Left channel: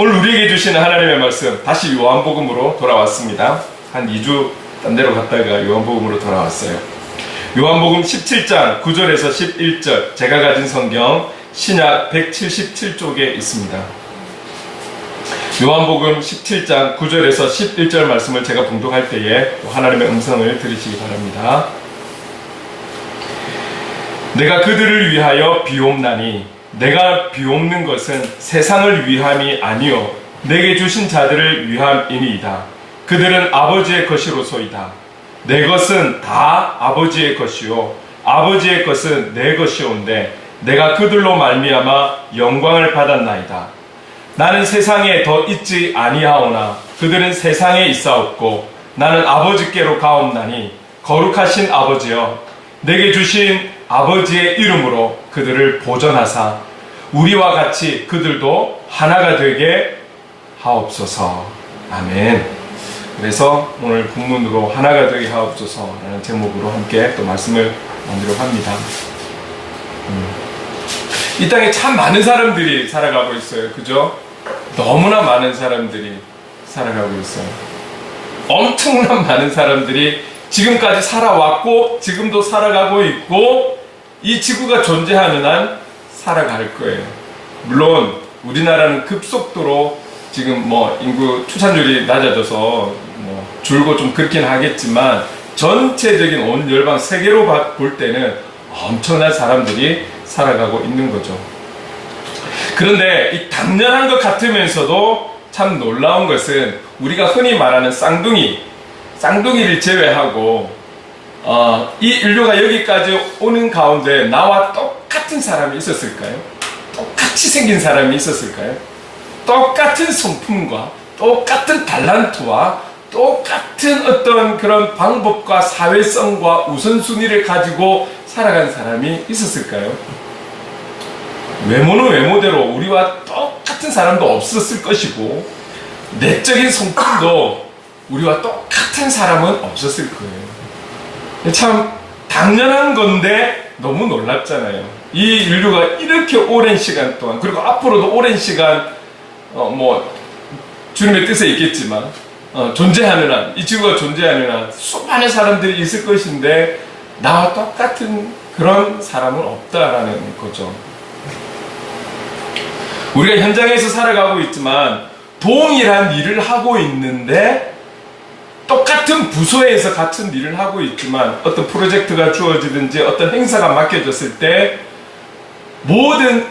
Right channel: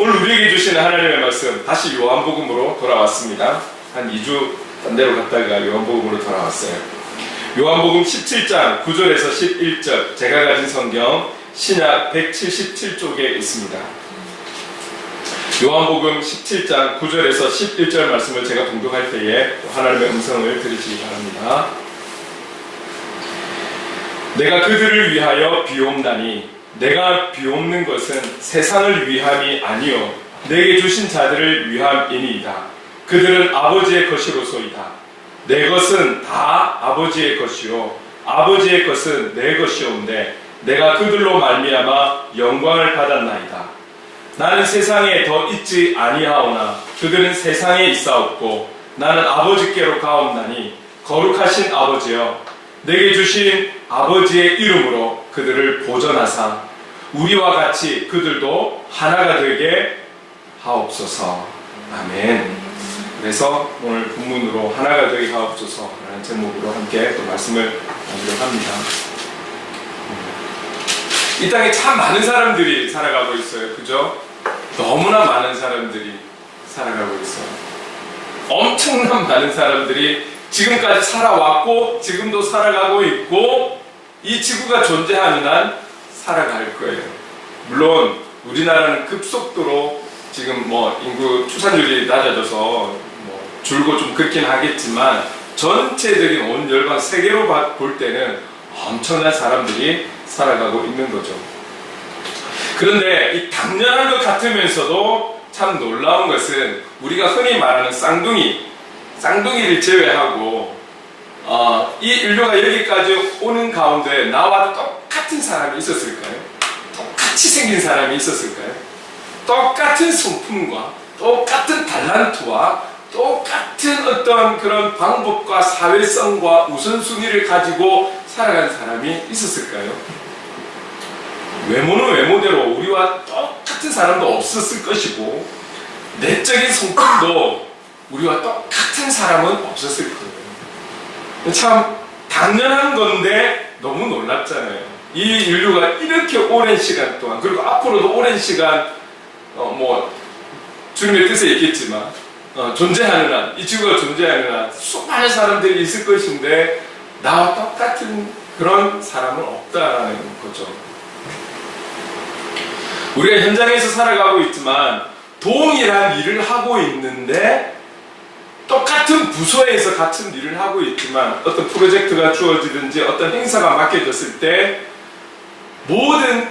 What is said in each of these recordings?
오늘 우리에게 주시는 하나님의 말씀, 다시 요한복음으로 돌아왔습니다. 한 2주 딴 데로 갔다가 요한복음으로 돌아왔어요. 요한복음 17장 9절에서 11절, 제가 가진 성경 신약 177쪽에 있습니다. 요한복음 17장 9절에서 11절 말씀을 제가 봉독할 때에 하나님의 음성을 들으시기 바랍니다. 내가 그들을 위하여 비옵나니 내가 비옵는 것은 세상을 위함이 아니요 내게 주신 자들을 위함이니이다. 그들은 아버지의 것이로소이다. 내 것은 다 아버지의 것이요 아버지의 것은 내 것이온데 내가 그들로 말미암아 영광을 받았나이다. 나는 세상에 더 있지 아니하오나 그들은 세상에 있사옵고 나는 아버지께로 가옵나니 거룩하신 아버지여 내게 주신 아버지의 이름으로 그들을 보전하사 우리와 같이 그들도 하나가 되게 하옵소서. 아멘. 그래서 오늘 본문으로 하나가 되게 하옵소서라는 제목으로 함께 또 말씀을 나누려고 합니다. 이 땅에 참 많은 사람들이 살아가고 있어요. 그죠? 너무나 많은 사람들이 살아가고 있어요. 엄청난 많은 사람들이 지금까지 살아왔고 지금도 살아가고 있고 이 지구가 존재하는 한 살아갈 거예요. 물론 우리나라는 급속도로 지금 인구 추산율이 낮아져서 줄고 좀 그렇긴 하겠지만 전체적인 온 열방 세계로 볼 때는 엄청난 사람들이 살아가고 있는 거죠. 그런데 이 당연한 것 같으면서도 참 놀라운 것은 우리가 흔히 말하는 쌍둥이를 제외하고 이 인류가 여기까지 오는 가운데 나와 똑같은 사람이 있었을까요? 똑같이 생긴 사람이 있었을까요? 똑같은 성품과 똑같은 달란트와 똑같은 어떤 그런 방법과 사회성과 우선순위를 가지고 살아간 사람이 있었을까요? 외모는 외모대로 우리와 똑같은 사람도 없었을 것이고 내적인 성품도 우리와 똑같은 사람은 없었을 거예요. 참 당연한 건데 너무 놀랍잖아요. 이 인류가 이렇게 오랜 시간 동안 그리고 앞으로도 오랜 시간 주님의 뜻에 있겠지만 존재하는 한, 이 지구가 존재하는 한 수많은 사람들이 있을 것인데 나와 똑같은 그런 사람은 없다라는 거죠. 우리가 현장에서 살아가고 있지만 동일한 일을 하고 있는데 똑같은 부서에서 같은 일을 하고 있지만 어떤 프로젝트가 주어지든지 어떤 행사가 맡겨졌을 때 모든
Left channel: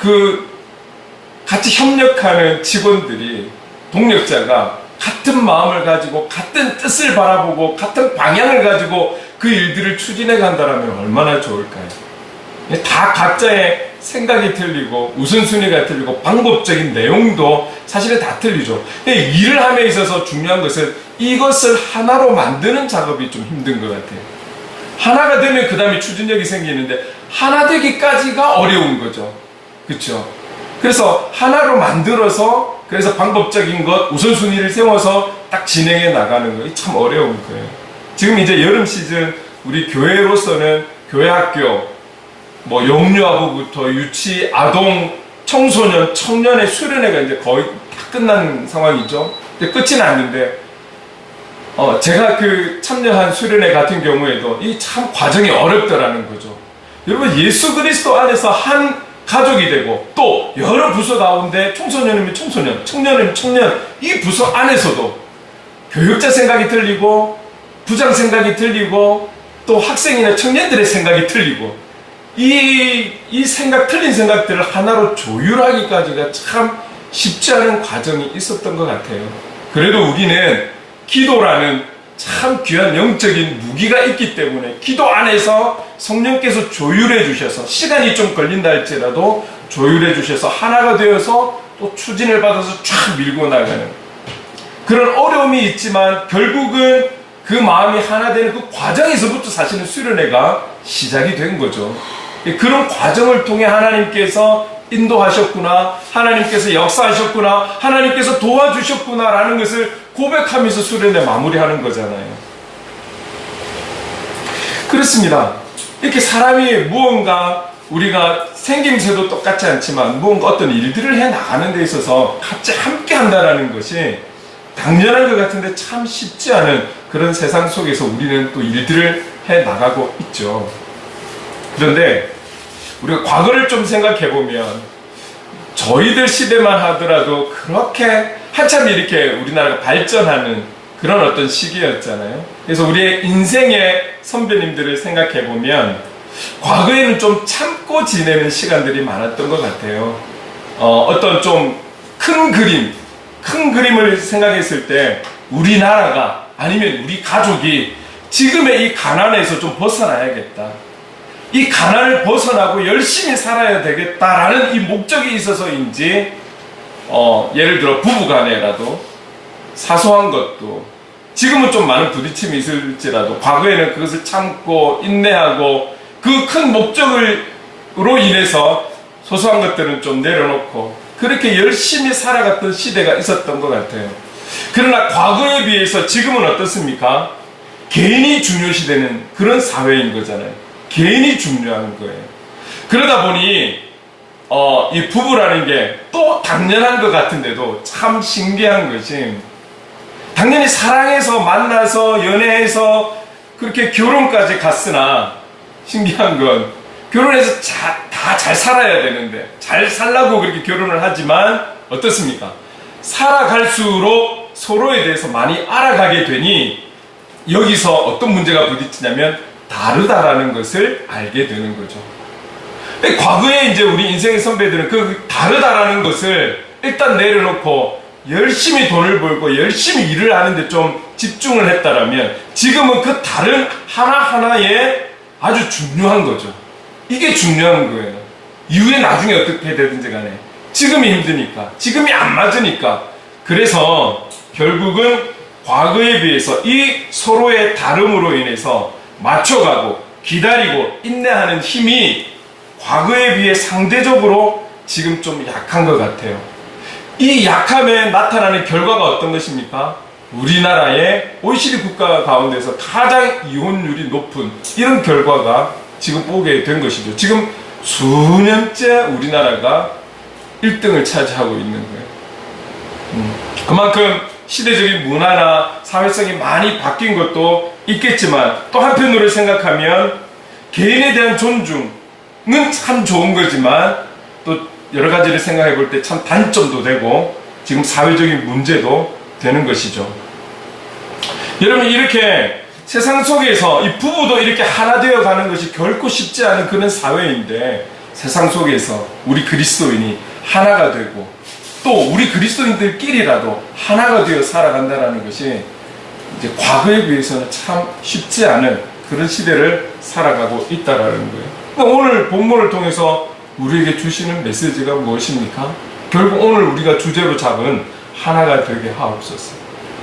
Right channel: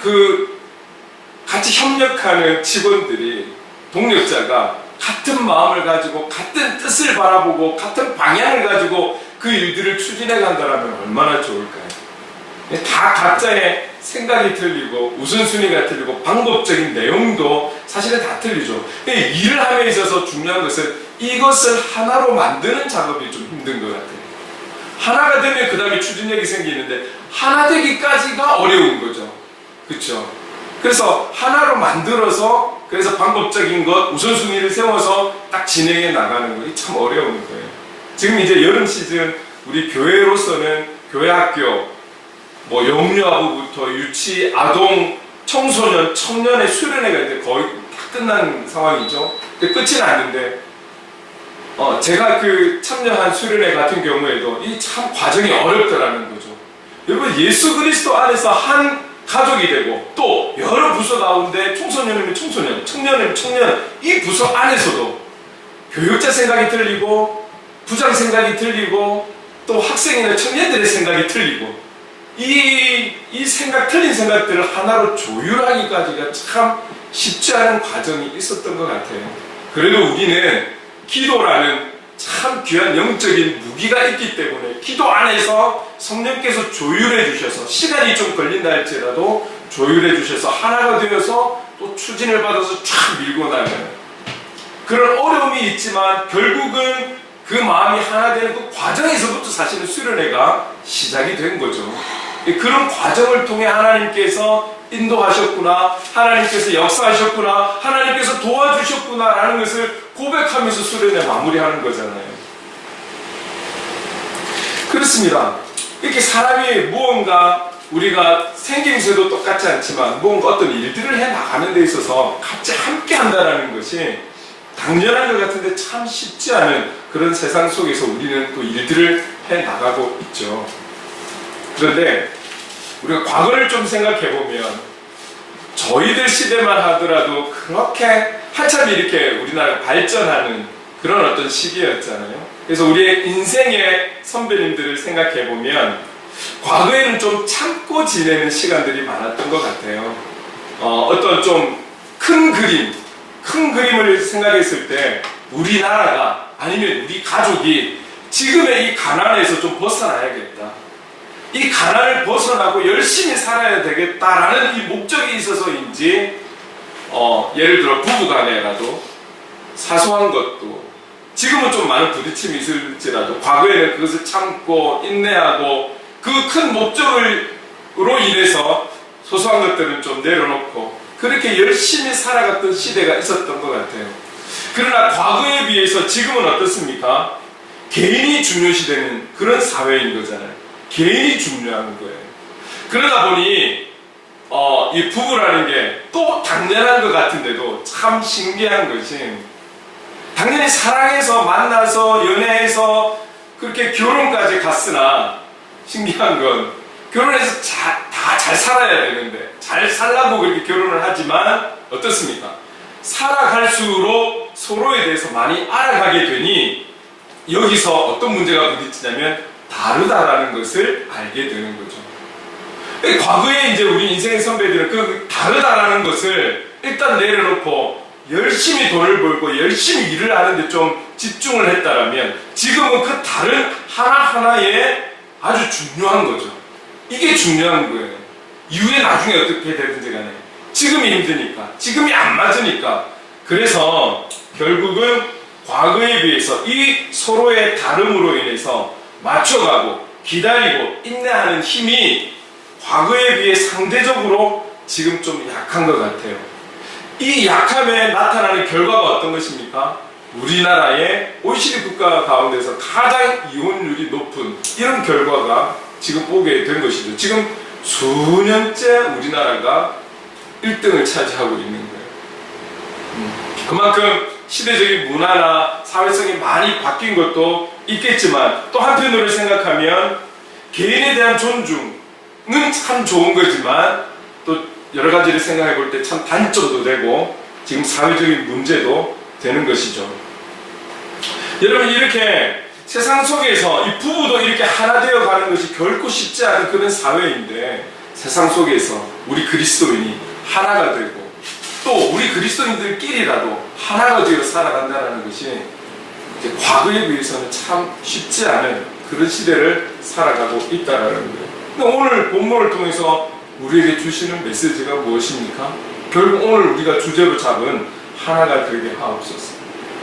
같이 협력하는 직원들이 동력자가 같은 마음을 가지고 같은 뜻을 바라보고 같은 방향을 가지고 그 일들을 추진해 간다면 얼마나 좋을까요? 다 각자의 생각이 틀리고 우선순위가 틀리고 방법적인 내용도 사실은 다 틀리죠. 일을 함에 있어서 중요한 것은 이것을 하나로 만드는 작업이 좀 힘든 것 같아요. 하나가 되면 그 다음에 추진력이 생기는데 하나 되기까지가 어려운 거죠. 그렇죠? 그래서 하나로 만들어서 그래서 방법적인 것 우선순위를 세워서 딱 진행해 나가는 거 참 어려운 거예요. 지금 이제 여름 시즌 우리 교회로서는 교회학교 영유아부부터 유치, 아동, 청소년, 청년의 수련회가 이제 거의 다 끝난 상황이죠. 근데 끝이 났는데 제가 참여한 수련회 같은 경우에도 이 참 과정이 어렵더라는 거죠. 여러분 예수 그리스도 안에서 한 가족이 되고 또 여러 부서 가운데 청소년이면 청소년, 청년이면 청년 이 부서 안에서도 교육자 생각이 틀리고 부장 생각이 틀리고 또 학생이나 청년들의 생각이 틀리고 이 틀린 생각들을 하나로 조율하기까지가 참 쉽지 않은 과정이 있었던 것 같아요. 그래도 우리는 기도라는 참 귀한 영적인 무기가 있기 때문에 기도 안에서 성령께서 조율해 주셔서 시간이 좀 걸린다 할지라도 조율해 주셔서 하나가 되어서 또 추진을 받아서 쫙 밀고 나가는 그런 어려움이 있지만 결국은 그 마음이 하나 되는 그 과정에서부터 사실은 수련회가 시작이 된 거죠. 그런 과정을 통해 하나님께서 인도하셨구나, 하나님께서 역사하셨구나, 하나님께서 도와주셨구나 라는 것을 고백하면서 수련회 마무리하는 거잖아요. 그렇습니다. 이렇게 사람이 무언가 우리가 생김새도 똑같지 않지만 뭔가 어떤 일들을 해 나가는 데 있어서 같이 함께 한다는 것이 당연한 것 같은데 참 쉽지 않은 그런 세상 속에서 우리는 또 일들을 해 나가고 있죠. 그런데 우리가 과거를 좀 생각해 보면 저희들 시대만 하더라도 그렇게 한참 이렇게 우리나라가 발전하는 그런 어떤 시기였잖아요. 그래서 우리의 인생의 선배님들을 생각해 보면 과거에는 좀 참고 지내는 시간들이 많았던 것 같아요. 어떤 좀 큰 그림을 생각했을 때 우리나라가 아니면 우리 가족이 지금의 이 가난에서 좀 벗어나야겠다. 이 가난을 벗어나고 열심히 살아야 되겠다라는 이 목적이 있어서인지 예를 들어 부부간에라도 사소한 것도 지금은 좀 많은 부딪힘이 있을지라도 과거에는 그것을 참고 인내하고 그 큰 목적으로 인해서 소소한 것들은 좀 내려놓고 그렇게 열심히 살아갔던 시대가 있었던 것 같아요. 그러나 과거에 비해서 지금은 어떻습니까? 개인이 중요시되는 그런 사회인 거잖아요. 개인이 중요한 거예요. 그러다 보니 이 부부라는 게 또 당연한 것 같은데도 참 신기한 것이 당연히 사랑해서 만나서 연애해서 그렇게 결혼까지 갔으나 신기한 건 결혼해서 다 잘 살아야 되는데 잘 살라고 그렇게 결혼을 하지만 어떻습니까? 살아갈수록 서로에 대해서 많이 알아가게 되니 여기서 어떤 문제가 부딪히냐면 다르다라는 것을 알게 되는 거죠. 과거에 이제 우리 인생의 선배들은 그 다르다라는 것을 일단 내려놓고 열심히 돈을 벌고 열심히 일을 하는데 좀 집중을 했다라면 지금은 그 다른 하나하나에 아주 중요한 거죠. 이게 중요한 거예요. 이후에 나중에 어떻게 되든지 간에 지금이 힘드니까 지금이 안 맞으니까 그래서 결국은 과거에 비해서 이 서로의 다름으로 인해서 맞춰가고 기다리고 인내하는 힘이 과거에 비해 상대적으로 지금 좀 약한 것 같아요. 이 약함에 나타나는 결과가 어떤 것입니까? 우리나라의 OECD 국가 가운데서 가장 이혼율이 높은 이런 결과가 지금 보게 된 것이죠. 지금 수년째 우리나라가 1등을 차지하고 있는 거예요. 그만큼 시대적인 문화나 사회성이 많이 바뀐 것도 있겠지만 또 한편으로 생각하면 개인에 대한 존중은 참 좋은 거지만 또 여러 가지를 생각해 볼 때 참 단점도 되고 지금 사회적인 문제도 되는 것이죠. 여러분 이렇게 세상 속에서 이 부부도 이렇게 하나 되어 가는 것이 결코 쉽지 않은 그런 사회인데 세상 속에서 우리 그리스도인이 하나가 되고 또 우리 그리스도인들끼리라도 하나가 되어 살아간다는 것이 이제 과거에 비해서는 참 쉽지 않은 그런 시대를 살아가고 있다라는 거예요. 오늘 본문을 통해서 우리에게 주시는 메시지가 무엇입니까? 결국 오늘 우리가 주제로 잡은 하나가 되게 하옵소서.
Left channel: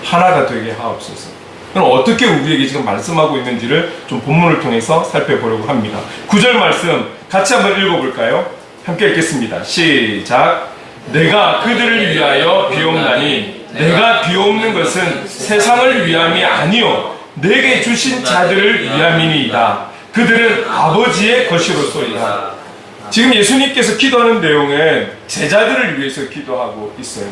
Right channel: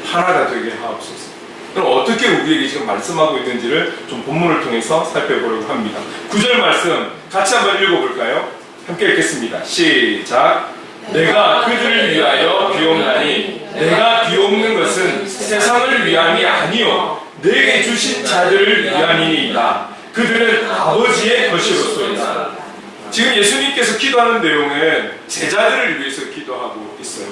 하나가 되게 하옵소서. 그럼 어떻게 우리에게 지금 말씀하고 있는지를 좀 본문을 통해서 살펴보려고 합니다. 9절 말씀 같이 한번 읽어볼까요? 함께 읽겠습니다. 시작. 내가 그들을 위하여 비옵나니 내가 비옵는 것은 세상을 위함이 아니요 내게 주신 자들을 위함이니이다. 그들은 아버지의 것이로소이다. 지금 예수님께서 기도하는 내용은 제자들을 위해서 기도하고 있어요.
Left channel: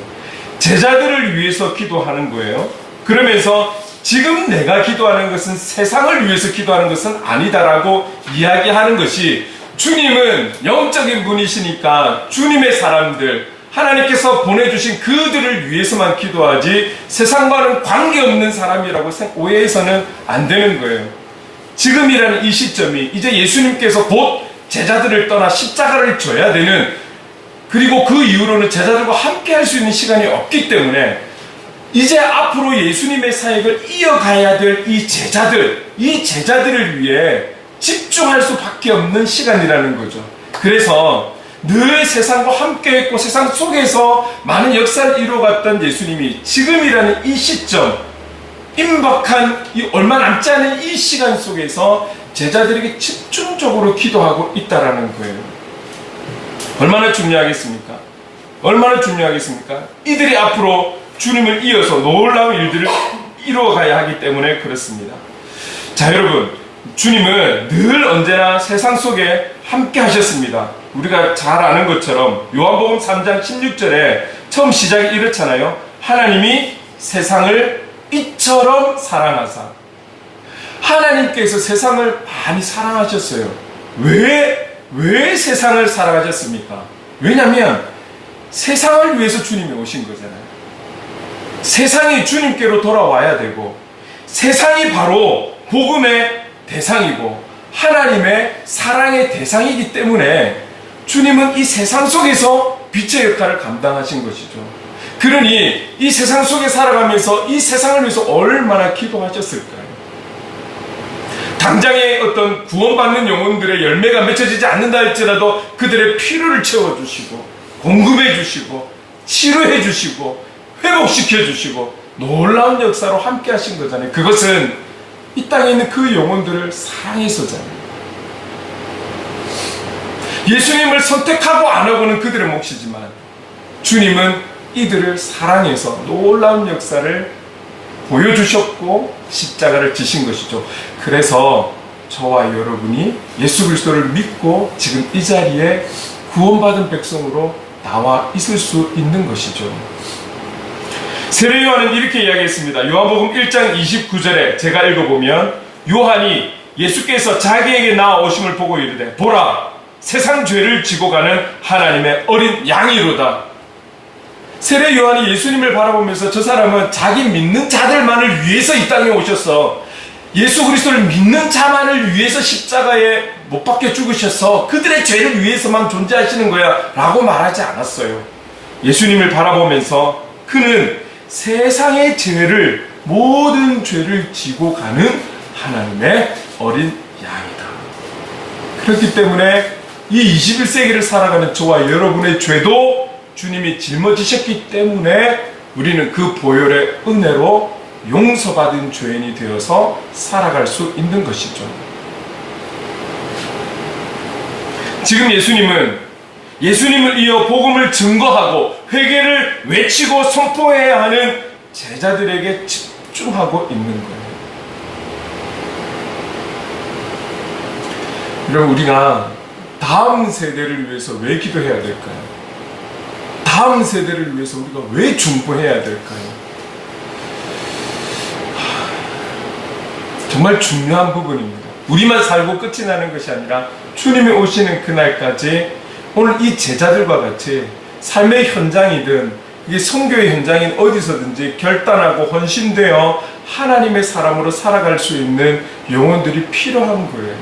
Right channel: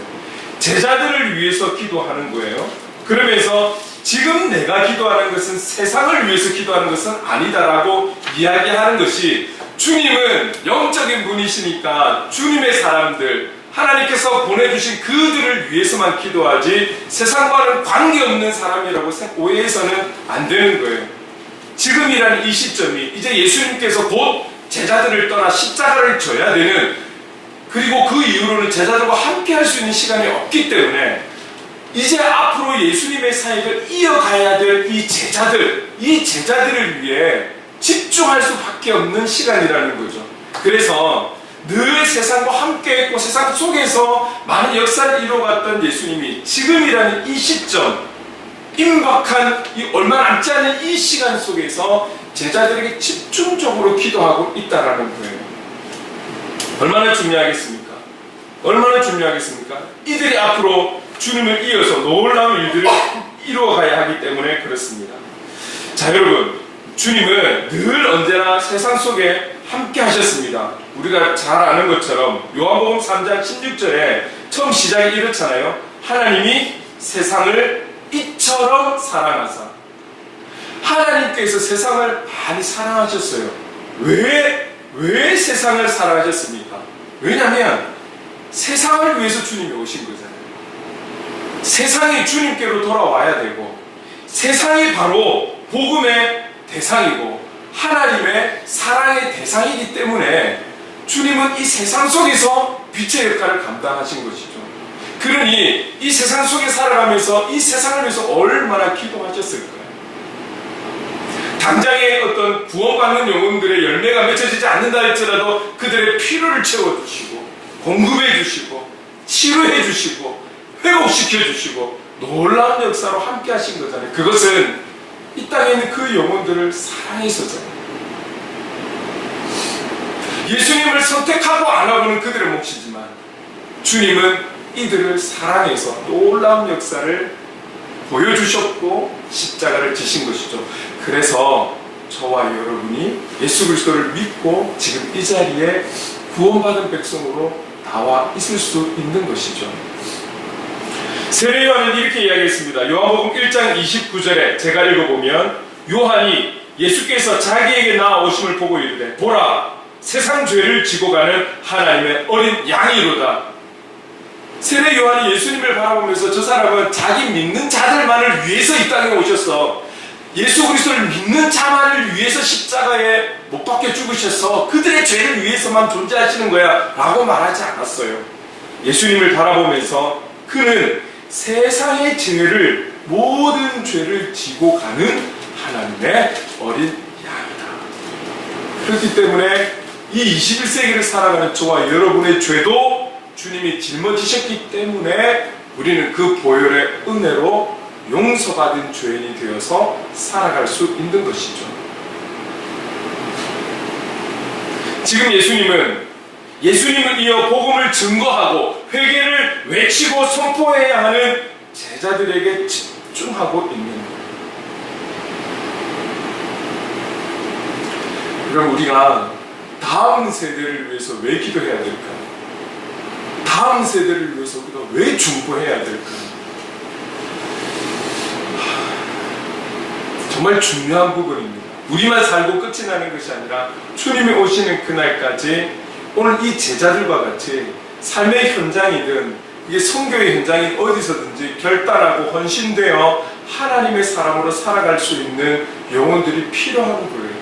제자들을 위해서 기도하는 거예요. 그러면서 지금 내가 기도하는 것은 세상을 위해서 기도하는 것은 아니다라고 이야기하는 것이 주님은 영적인 분이시니까 주님의 사람들 하나님께서 보내주신 그들을 위해서만 기도하지 세상과는 관계없는 사람이라고 오해해서는 안 되는 거예요. 지금이라는 이 시점이 이제 예수님께서 곧 제자들을 떠나 십자가를 져야 되는 그리고 그 이후로는 제자들과 함께 할 수 있는 시간이 없기 때문에 이제 앞으로 예수님의 사역을 이어가야 될 이 제자들을 위해 집중할 수밖에 없는 시간이라는 거죠. 그래서 늘 세상과 함께 했고 세상 속에서 많은 역사를 이루어갔던 예수님이 지금이라는 이 시점 임박한 이 얼마 남지 않은 이 시간 속에서 제자들에게 집중적으로 기도하고 있다라는 거예요. 얼마나 중요하겠습니까? 얼마나 중요하겠습니까? 이들이 앞으로 주님을 이어서 놀라운 일들을 이루어가야 하기 때문에 그렇습니다. 자 여러분 주님은 늘 언제나 세상 속에 함께 하셨습니다. 우리가 잘 아는 것처럼 요한복음 3장 16절에 처음 시작이 이렇잖아요. 하나님이 세상을 이처럼 사랑하사. 하나님께서 세상을 많이 사랑하셨어요. 왜 세상을 사랑하셨습니까? 왜냐하면 세상을 위해서 주님이 오신 거잖아요. 세상이 주님께로 돌아와야 되고, 세상이 바로 복음의 대상이고 하나님의 사랑의 대상이기 때문에 주님은 이 세상 속에서 빛의 역할을 감당하신 것이죠. 그러니 이 세상 속에 살아가면서 이 세상을 위해서 얼마나 기도하셨을까요? 당장의 어떤 구원받는 영혼들의 열매가 맺혀지지 않는다 할지라도 그들의 필요를 채워주시고 공급해주시고 치료해주시고 회복시켜주시고 놀라운 역사로 함께 하신 거잖아요. 그것은 이 땅에 있는 그 영혼들을 사랑해서잖아요. 예수님을 선택하고 안 하고는 그들의 몫이지만 주님은 이들을 사랑해서 놀라운 역사를 보여주셨고 십자가를 지신 것이죠. 그래서 저와 여러분이 예수 그리스도를 믿고 지금 이 자리에 구원받은 백성으로 나와 있을 수 있는 것이죠. 세례 요한은 이렇게 이야기했습니다. 요한복음 1장 29절에 제가 읽어보면 요한이 예수께서 자기에게 나아오심을 보고 이르되 보라 세상 죄를 지고 가는 하나님의 어린 양이로다. 세례 요한이 예수님을 바라보면서 저 사람은 자기 믿는 자들만을 위해서 이 땅에 오셔서 예수 그리스도를 믿는 자만을 위해서 십자가에 못 박혀 죽으셔서 그들의 죄를 위해서만 존재하시는 거야 라고 말하지 않았어요. 예수님을 바라보면서 그는 세상의 죄를 모든 죄를 지고 가는 하나님의 어린 양이다. 그렇기 때문에 이 21세기를 살아가는 저와 여러분의 죄도 주님이 짊어지셨기 때문에 우리는 그 보혈의 은혜로 용서받은 죄인이 되어서 살아갈 수 있는 것이죠. 지금 예수님을 이어 복음을 증거하고 회개를 외치고 선포해야 하는 제자들에게 집중하고 있는 거예요. 그럼 우리가 다음 세대를 위해서 왜 기도해야 될까요? 다음 세대를 위해서 우리가 왜 중보해야 될까요? 정말 중요한 부분입니다. 우리만 살고 끝이 나는 것이 아니라 주님이 오시는 그날까지 오늘 이 제자들과 같이 삶의 현장이든 이게 선교의 현장인 어디서든지 결단하고 헌신되어 하나님의 사람으로 살아갈 수 있는 영혼들이 필요한 거예요.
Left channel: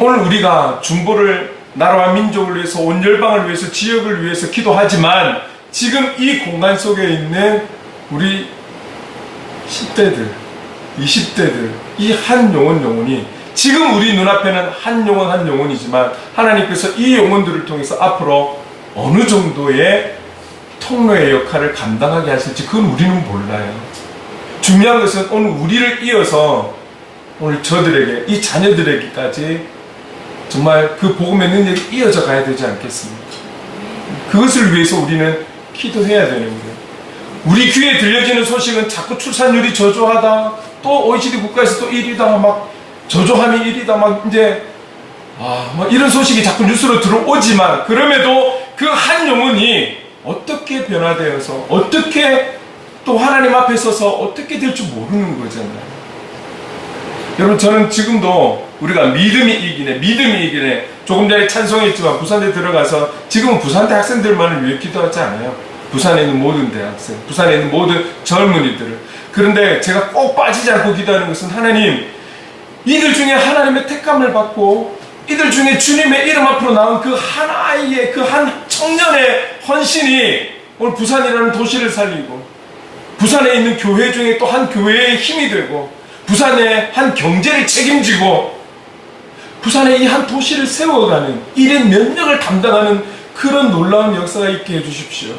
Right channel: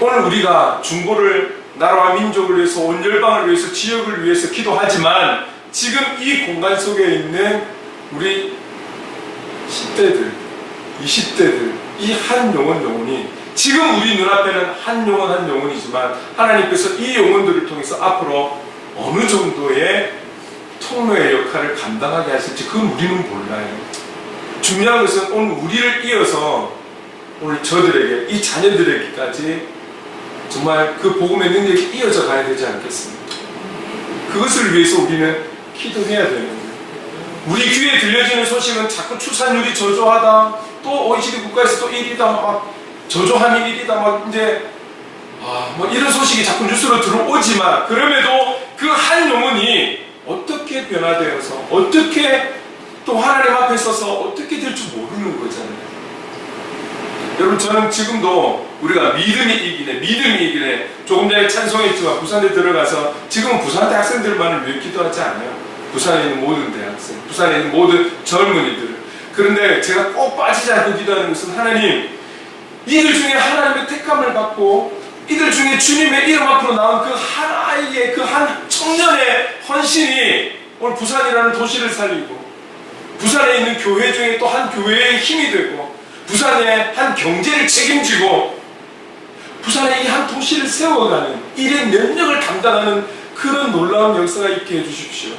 오늘 우리가 중보를 나라와 민족을 위해서 온 열방을 위해서 지역을 위해서 기도하지만 지금 이 공간 속에 있는 우리 10대들 20대들 이 한 영혼이 지금 우리 눈앞에는 한 영혼이지만 하나님께서 이 영혼들을 통해서 앞으로 어느 정도의 통로의 역할을 감당하게 하실지 그건 우리는 몰라요. 중요한 것은 오늘 우리를 이어서 오늘 저들에게 이 자녀들에게까지 정말 그 복음의 능력이 이어져 가야 되지 않겠습니까? 그것을 위해서 우리는 기도해야 되는 거예요. 우리 귀에 들려지는 소식은 자꾸 출산율이 저조하다, 또 OECD 국가에서 또 1위다, 막 저조함이 1위다, 막 이제 막 이런 소식이 자꾸 뉴스로 들어오지만 그럼에도 그 한 영혼이 어떻게 변화되어서 어떻게 또 하나님 앞에 서서 어떻게 될 줄 모르는 거잖아요. 여러분 저는 지금도 우리가 믿음이 이기네 조금 전에 찬송했지만 부산대 들어가서 지금은 부산대 학생들만을 위해 기도하지 않아요. 부산에 있는 모든 대학생, 부산에 있는 모든 젊은이들을. 그런데 제가 꼭 빠지지 않고 기도하는 것은 하나님 이들 중에 하나님의 택감을 받고 이들 중에 주님의 이름 앞으로 나온 그 한 아이의 그 한 청년의 헌신이 오늘 부산이라는 도시를 살리고 부산에 있는 교회 중에 또 한 교회의 힘이 되고 부산의 한 경제를 책임지고 부산의 이 한 도시를 세워가는 일의 면역을 담당하는 그런 놀라운 역사가 있게 해주십시오.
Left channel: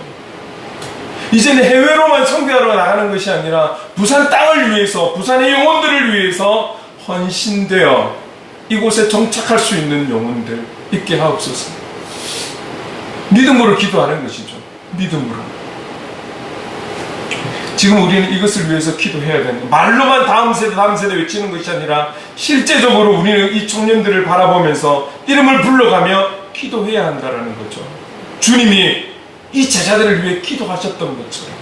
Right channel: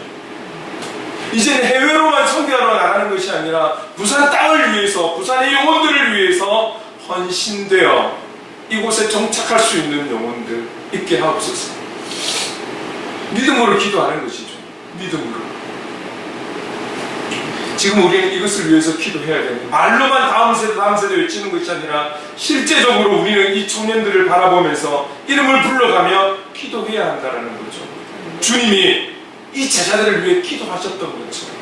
이제는 해외로만 선교하러 나가는 것이 아니라 부산 땅을 위해서 부산의 영혼들을 위해서 헌신되어 이곳에 정착할 수 있는 영혼들 있게 하옵소서. 믿음으로 기도하는 것이죠. 믿음으로. 지금 우리는 이것을 위해서 기도해야 되는 거예요. 말로만 다음 세대 외치는 것이 아니라 실제적으로 우리는 이 청년들을 바라보면서 이름을 불러가며 기도해야 한다라는 거죠. 주님이 이 제자들을 위해 기도하셨던 것처럼.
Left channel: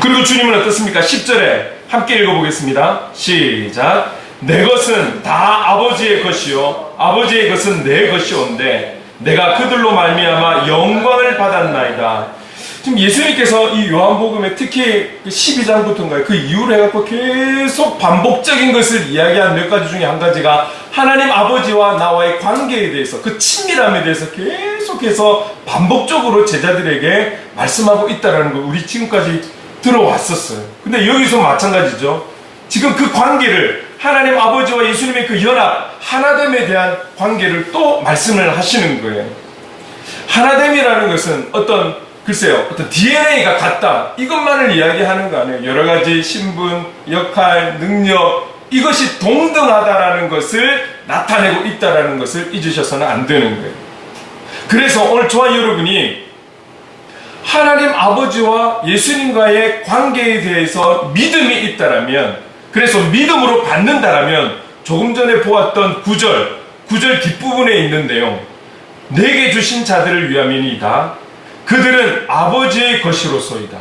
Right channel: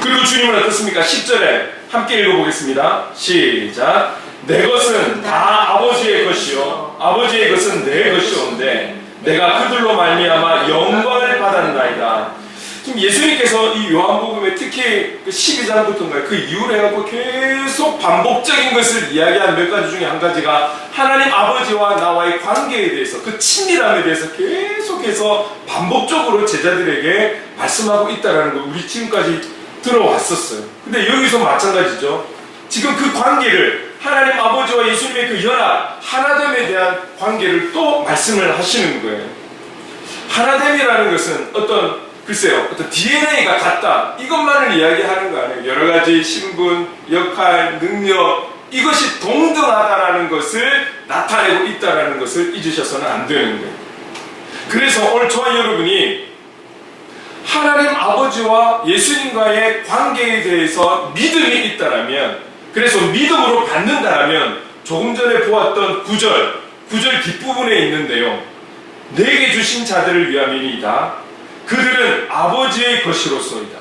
그리고 주님은 어떻습니까? 10절에 함께 읽어보겠습니다. 시작. 내 것은 다 아버지의 것이요 아버지의 것은 내 것이온데 내가 그들로 말미암아 영광을 받았나이다. 지금 예수님께서 이 요한복음에 특히 12장부터인가요? 그 이후로 해갖고 계속 반복적인 것을 이야기한 몇 가지 중에 한 가지가 하나님 아버지와 나와의 관계에 대해서, 그 친밀함에 대해서 계속해서 반복적으로 제자들에게 말씀하고 있다는 걸 우리 지금까지 들어왔었어요. 근데 여기서 마찬가지죠. 지금 그 관계를, 하나님 아버지와 예수님의 그 연합, 하나됨에 대한 관계를 또 말씀을 하시는 거예요. 하나됨이라는 것은 글쎄요, 어떤 DNA가 같다, 이것만을 이야기하는 거 아니에요. 여러 가지 신분, 역할, 능력, 이것이 동등하다라는 것을 나타내고 있다라는 것을 잊으셔서는 안 되는 거예요. 그래서 오늘 저와 여러분이 하나님 아버지와 예수님과의 관계에 대해서 믿음이 있다라면, 그래서 믿음으로 받는다라면, 조금 전에 보았던 9절 뒷부분에 있는 내용, 내게 주신 자들을 위함이니이다. 그들은 아버지의 것이로소이다.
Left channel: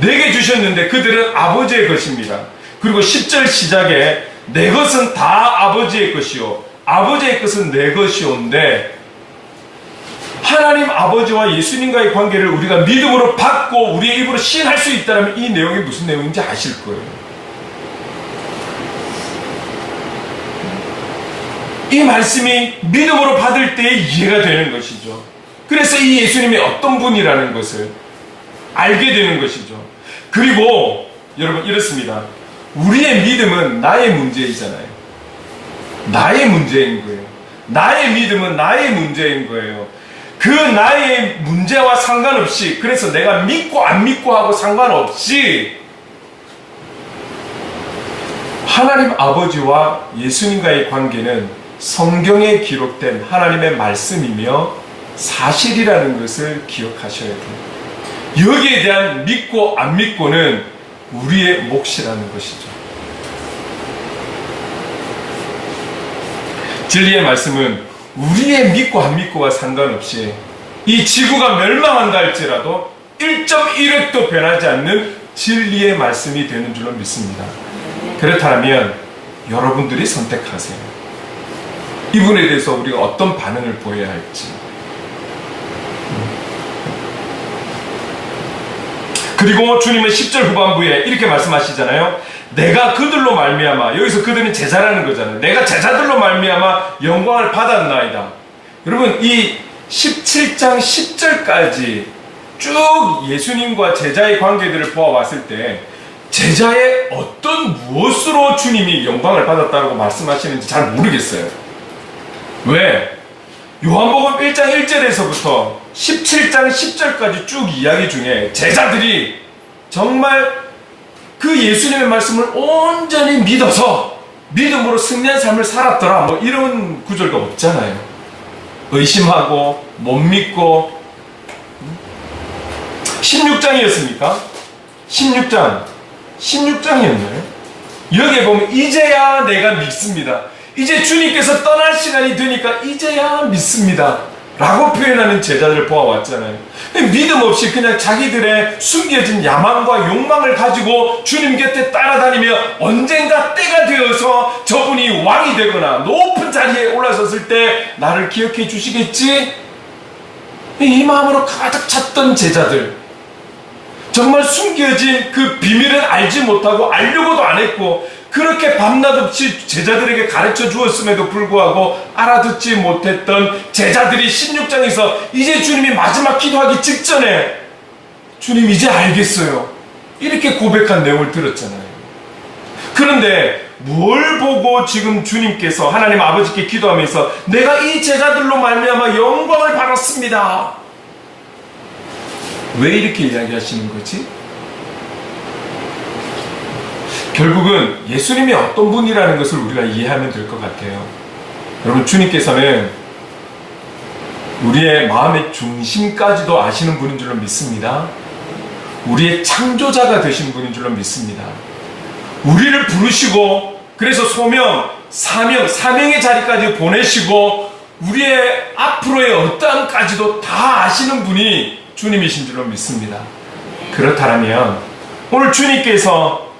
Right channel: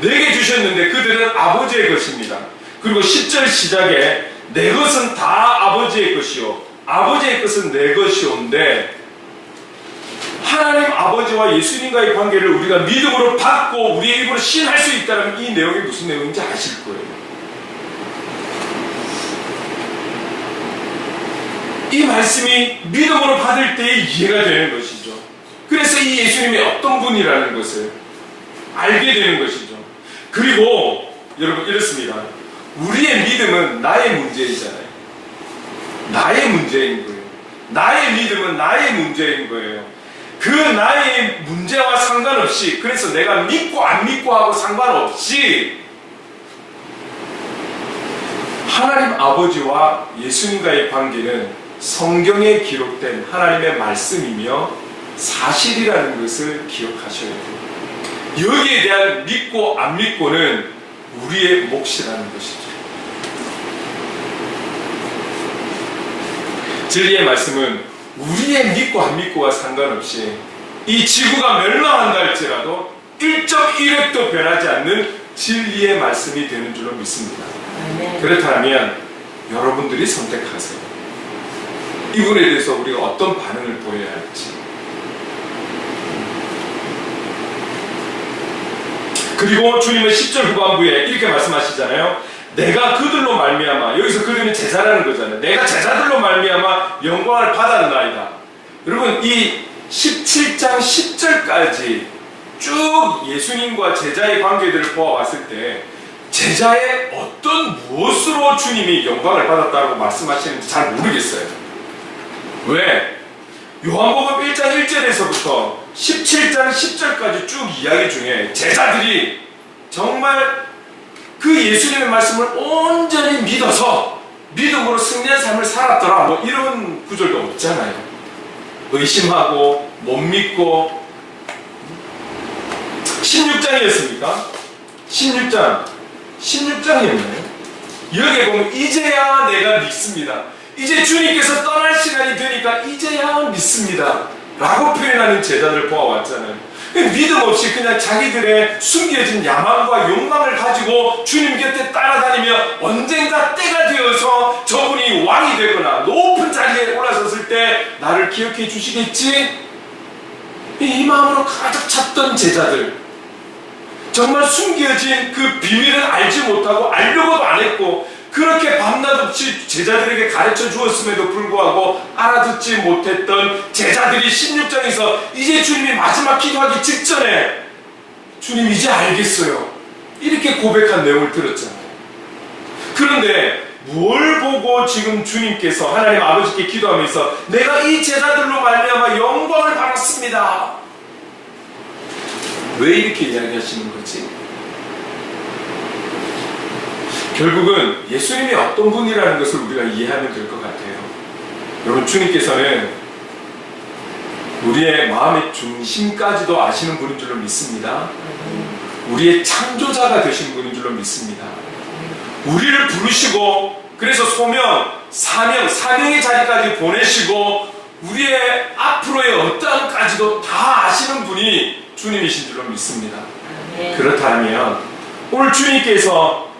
내게 주셨는데 그들은 아버지의 것입니다. 그리고 10절 시작에 내 것은 다 아버지의 것이요 아버지의 것은 내 것이온데, 하나님 아버지와 예수님과의 관계를 우리가 믿음으로 받고 우리의 입으로 시인할 수 있다면 이 내용이 무슨 내용인지 아실 거예요. 이 말씀이 믿음으로 받을 때 이해가 되는 것이죠. 그래서 이 예수님이 어떤 분이라는 것을 알게 되는 것이죠. 그리고 여러분 이렇습니다. 우리의 믿음은 나의 문제이잖아요. 나의 문제인 거예요. 나의 믿음은 나의 문제인 거예요. 그 나의 문제와 상관없이, 그래서 내가 믿고 안 믿고 하고 상관없이 하나님 아버지와 예수님과의 관계는 성경에 기록된 하나님의 말씀이며 사실이라는 것을 기억하셔야 돼요. 여기에 대한 믿고 안 믿고는 우리의 몫이라는 것이죠. 진리의 말씀은 우리의 믿고 안 믿고와 상관없이 이 지구가 멸망한다 할지라도 1.1획도 변하지 않는 진리의 말씀이 되는 줄로 믿습니다. 그렇다면 여러분들이 선택하세요. 이분에 대해서 우리가 어떤 반응을 보여야 할지. 그리고 주님은 10절 후반부에 이렇게 말씀하시잖아요. 내가 그들로 말미암아, 여기서 그들은 제자라는 거잖아요. 내가 제자들로 말미암아 영광을 받았나이다. 여러분 이 17장 10절까지 쭉 예수님과 제자의 관계들을 보아왔을 때 제자의 어떤 무엇으로 주님이 영광을 받았다고 말씀하시는지 잘 모르겠어요. 왜? 요한복음 1장 1절에서부터 17장 10절까지 쭉 이야기 중에 제자들이 정말 그 예수님의 말씀을 온전히 믿어서 믿음으로 승리한 삶을 살았더라, 뭐 이런 구절도 없잖아요. 의심하고 못 믿고. 16장이었습니까? 16장이었나요? 여기에 보면 이제야 내가 믿습니다. 이제 주님께서 떠날 시간이 되니까 이제야 믿습니다 라고 표현하는 제자들을 보아왔잖아요. 믿음 없이 그냥 자기들의 숨겨진 야망과 욕망을 가지고 주님 곁에 따라다니며 언젠가 때가 되어서 저분이 왕이 되거나 높은 자리에 올라섰을 때 나를 기억해 주시겠지? 이 마음으로 가득 찼던 제자들, 정말 숨겨진 그 비밀은 알지 못하고 알려고도 안 했고 그렇게 밤낮 없이 제자들에게 가르쳐 주었음에도 불구하고 알아듣지 못했던 제자들이 16장에서 이제 주님이 마지막 기도하기 직전에 주님 이제 알겠어요 이렇게 고백한 내용을 들었잖아요. 그런데 뭘 보고 지금 주님께서 하나님 아버지께 기도하면서 내가 이 제자들로 말미암아 영광을 받았습니다, 왜 이렇게 이야기하시는 거지? 결국은 예수님이 어떤 분이라는 것을 우리가 이해하면 될 것 같아요. 여러분 주님께서는 우리의 마음의 중심까지도 아시는 분인 줄로 믿습니다. 우리의 창조자가 되신 분인 줄로 믿습니다. 우리를 부르시고 그래서 소명, 사명의 자리까지 보내시고 우리의 앞으로의 어떠함까지도 다 아시는 분이 주님이신 줄로 믿습니다. 그렇다면 오늘 주님께서